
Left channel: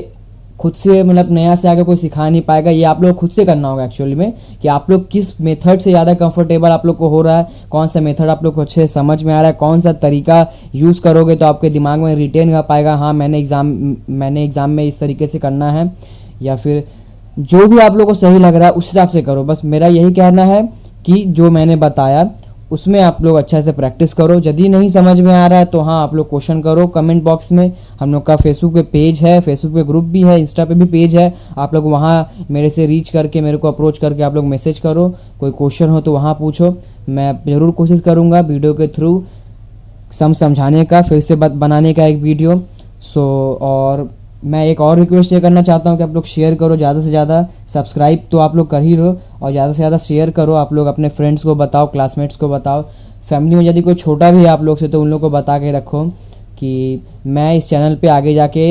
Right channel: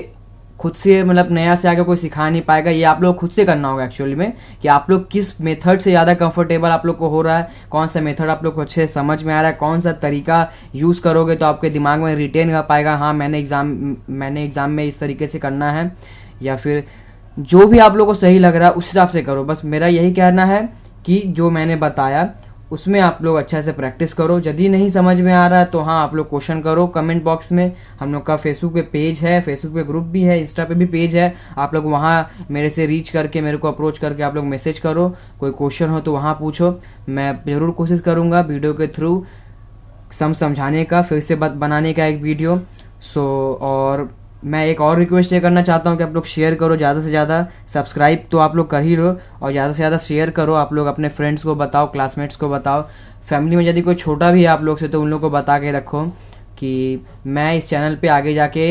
खुद से मतलब नया से आगे कोई सिखा नहीं पाएगा। ये आप लोग खुद से करना होगा एक्चुअली में, कि आप लोग किस मेथड से ज़्यादा कंफर्टेबल आप लोग को हो रहा है, कौन सा मेथड आप लोग को अच्छे से समझ में आ रहा है, कौन सा तरीका यूज़ करोगे तो आपके दिमाग में रिटेन कर पाएगा, हाँ मैंने एग्ज़ाम में इस तरीके से करना है, या फिर जो भी आप लोग को सही लग रहा है उस हिसाब से करो। बस मेरा यही कहना है कि जो मैंने बताया उसमें आप लोग अच्छा से प्रैक्टिस करो। यदि नहीं समझ में आ रहा है तो हाँ आप लोग क्वेश्चन करो कमेंट बॉक्स में। हम लोग का फेसबुक पे पेज है, फेसबुक पे ग्रुप भी है, इंस्टा पे भी पेज है, आप लोग वहाँ मेरे से रीच करके, मेरे को अप्रोच करके आप लोग मैसेज करो। कोई क्वेश्चन हो तो वहाँ पूछो, मैं ज़रूर कोशिश करूँगा वीडियो के थ्रू समझाने का, फिर से बनाने का एक वीडियो। और मैं एक और रिक्वेस्ट ये करना चाहता हूँ कि आप लोग शेयर करो ज़्यादा से ज़्यादा। सब्सक्राइब तो आप लोग कर ही लो, और ज़्यादा से ज़्यादा शेयर करो। आप लोग अपने फ्रेंड्स को बताओ, क्लासमेट्स को बताओ, फैमिली में यदि कोई छोटा भी है आप लोग से तो उन लोग को बता के रखो कि मैं इस चैनल पे आगे जाके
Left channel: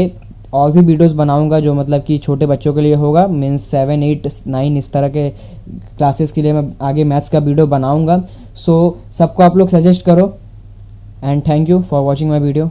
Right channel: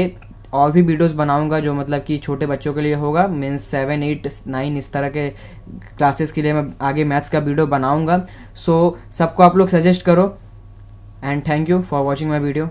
और भी वीडियोस बनाऊंगा जो मतलब कि छोटे बच्चों के लिए होगा, मीन्स 7, 8, 9 इस तरह के क्लासेस के लिए मैं आगे मैथ्स का वीडियो बनाऊंगा। सबको आप लोग सजेस्ट करो, and thank you for watching my video.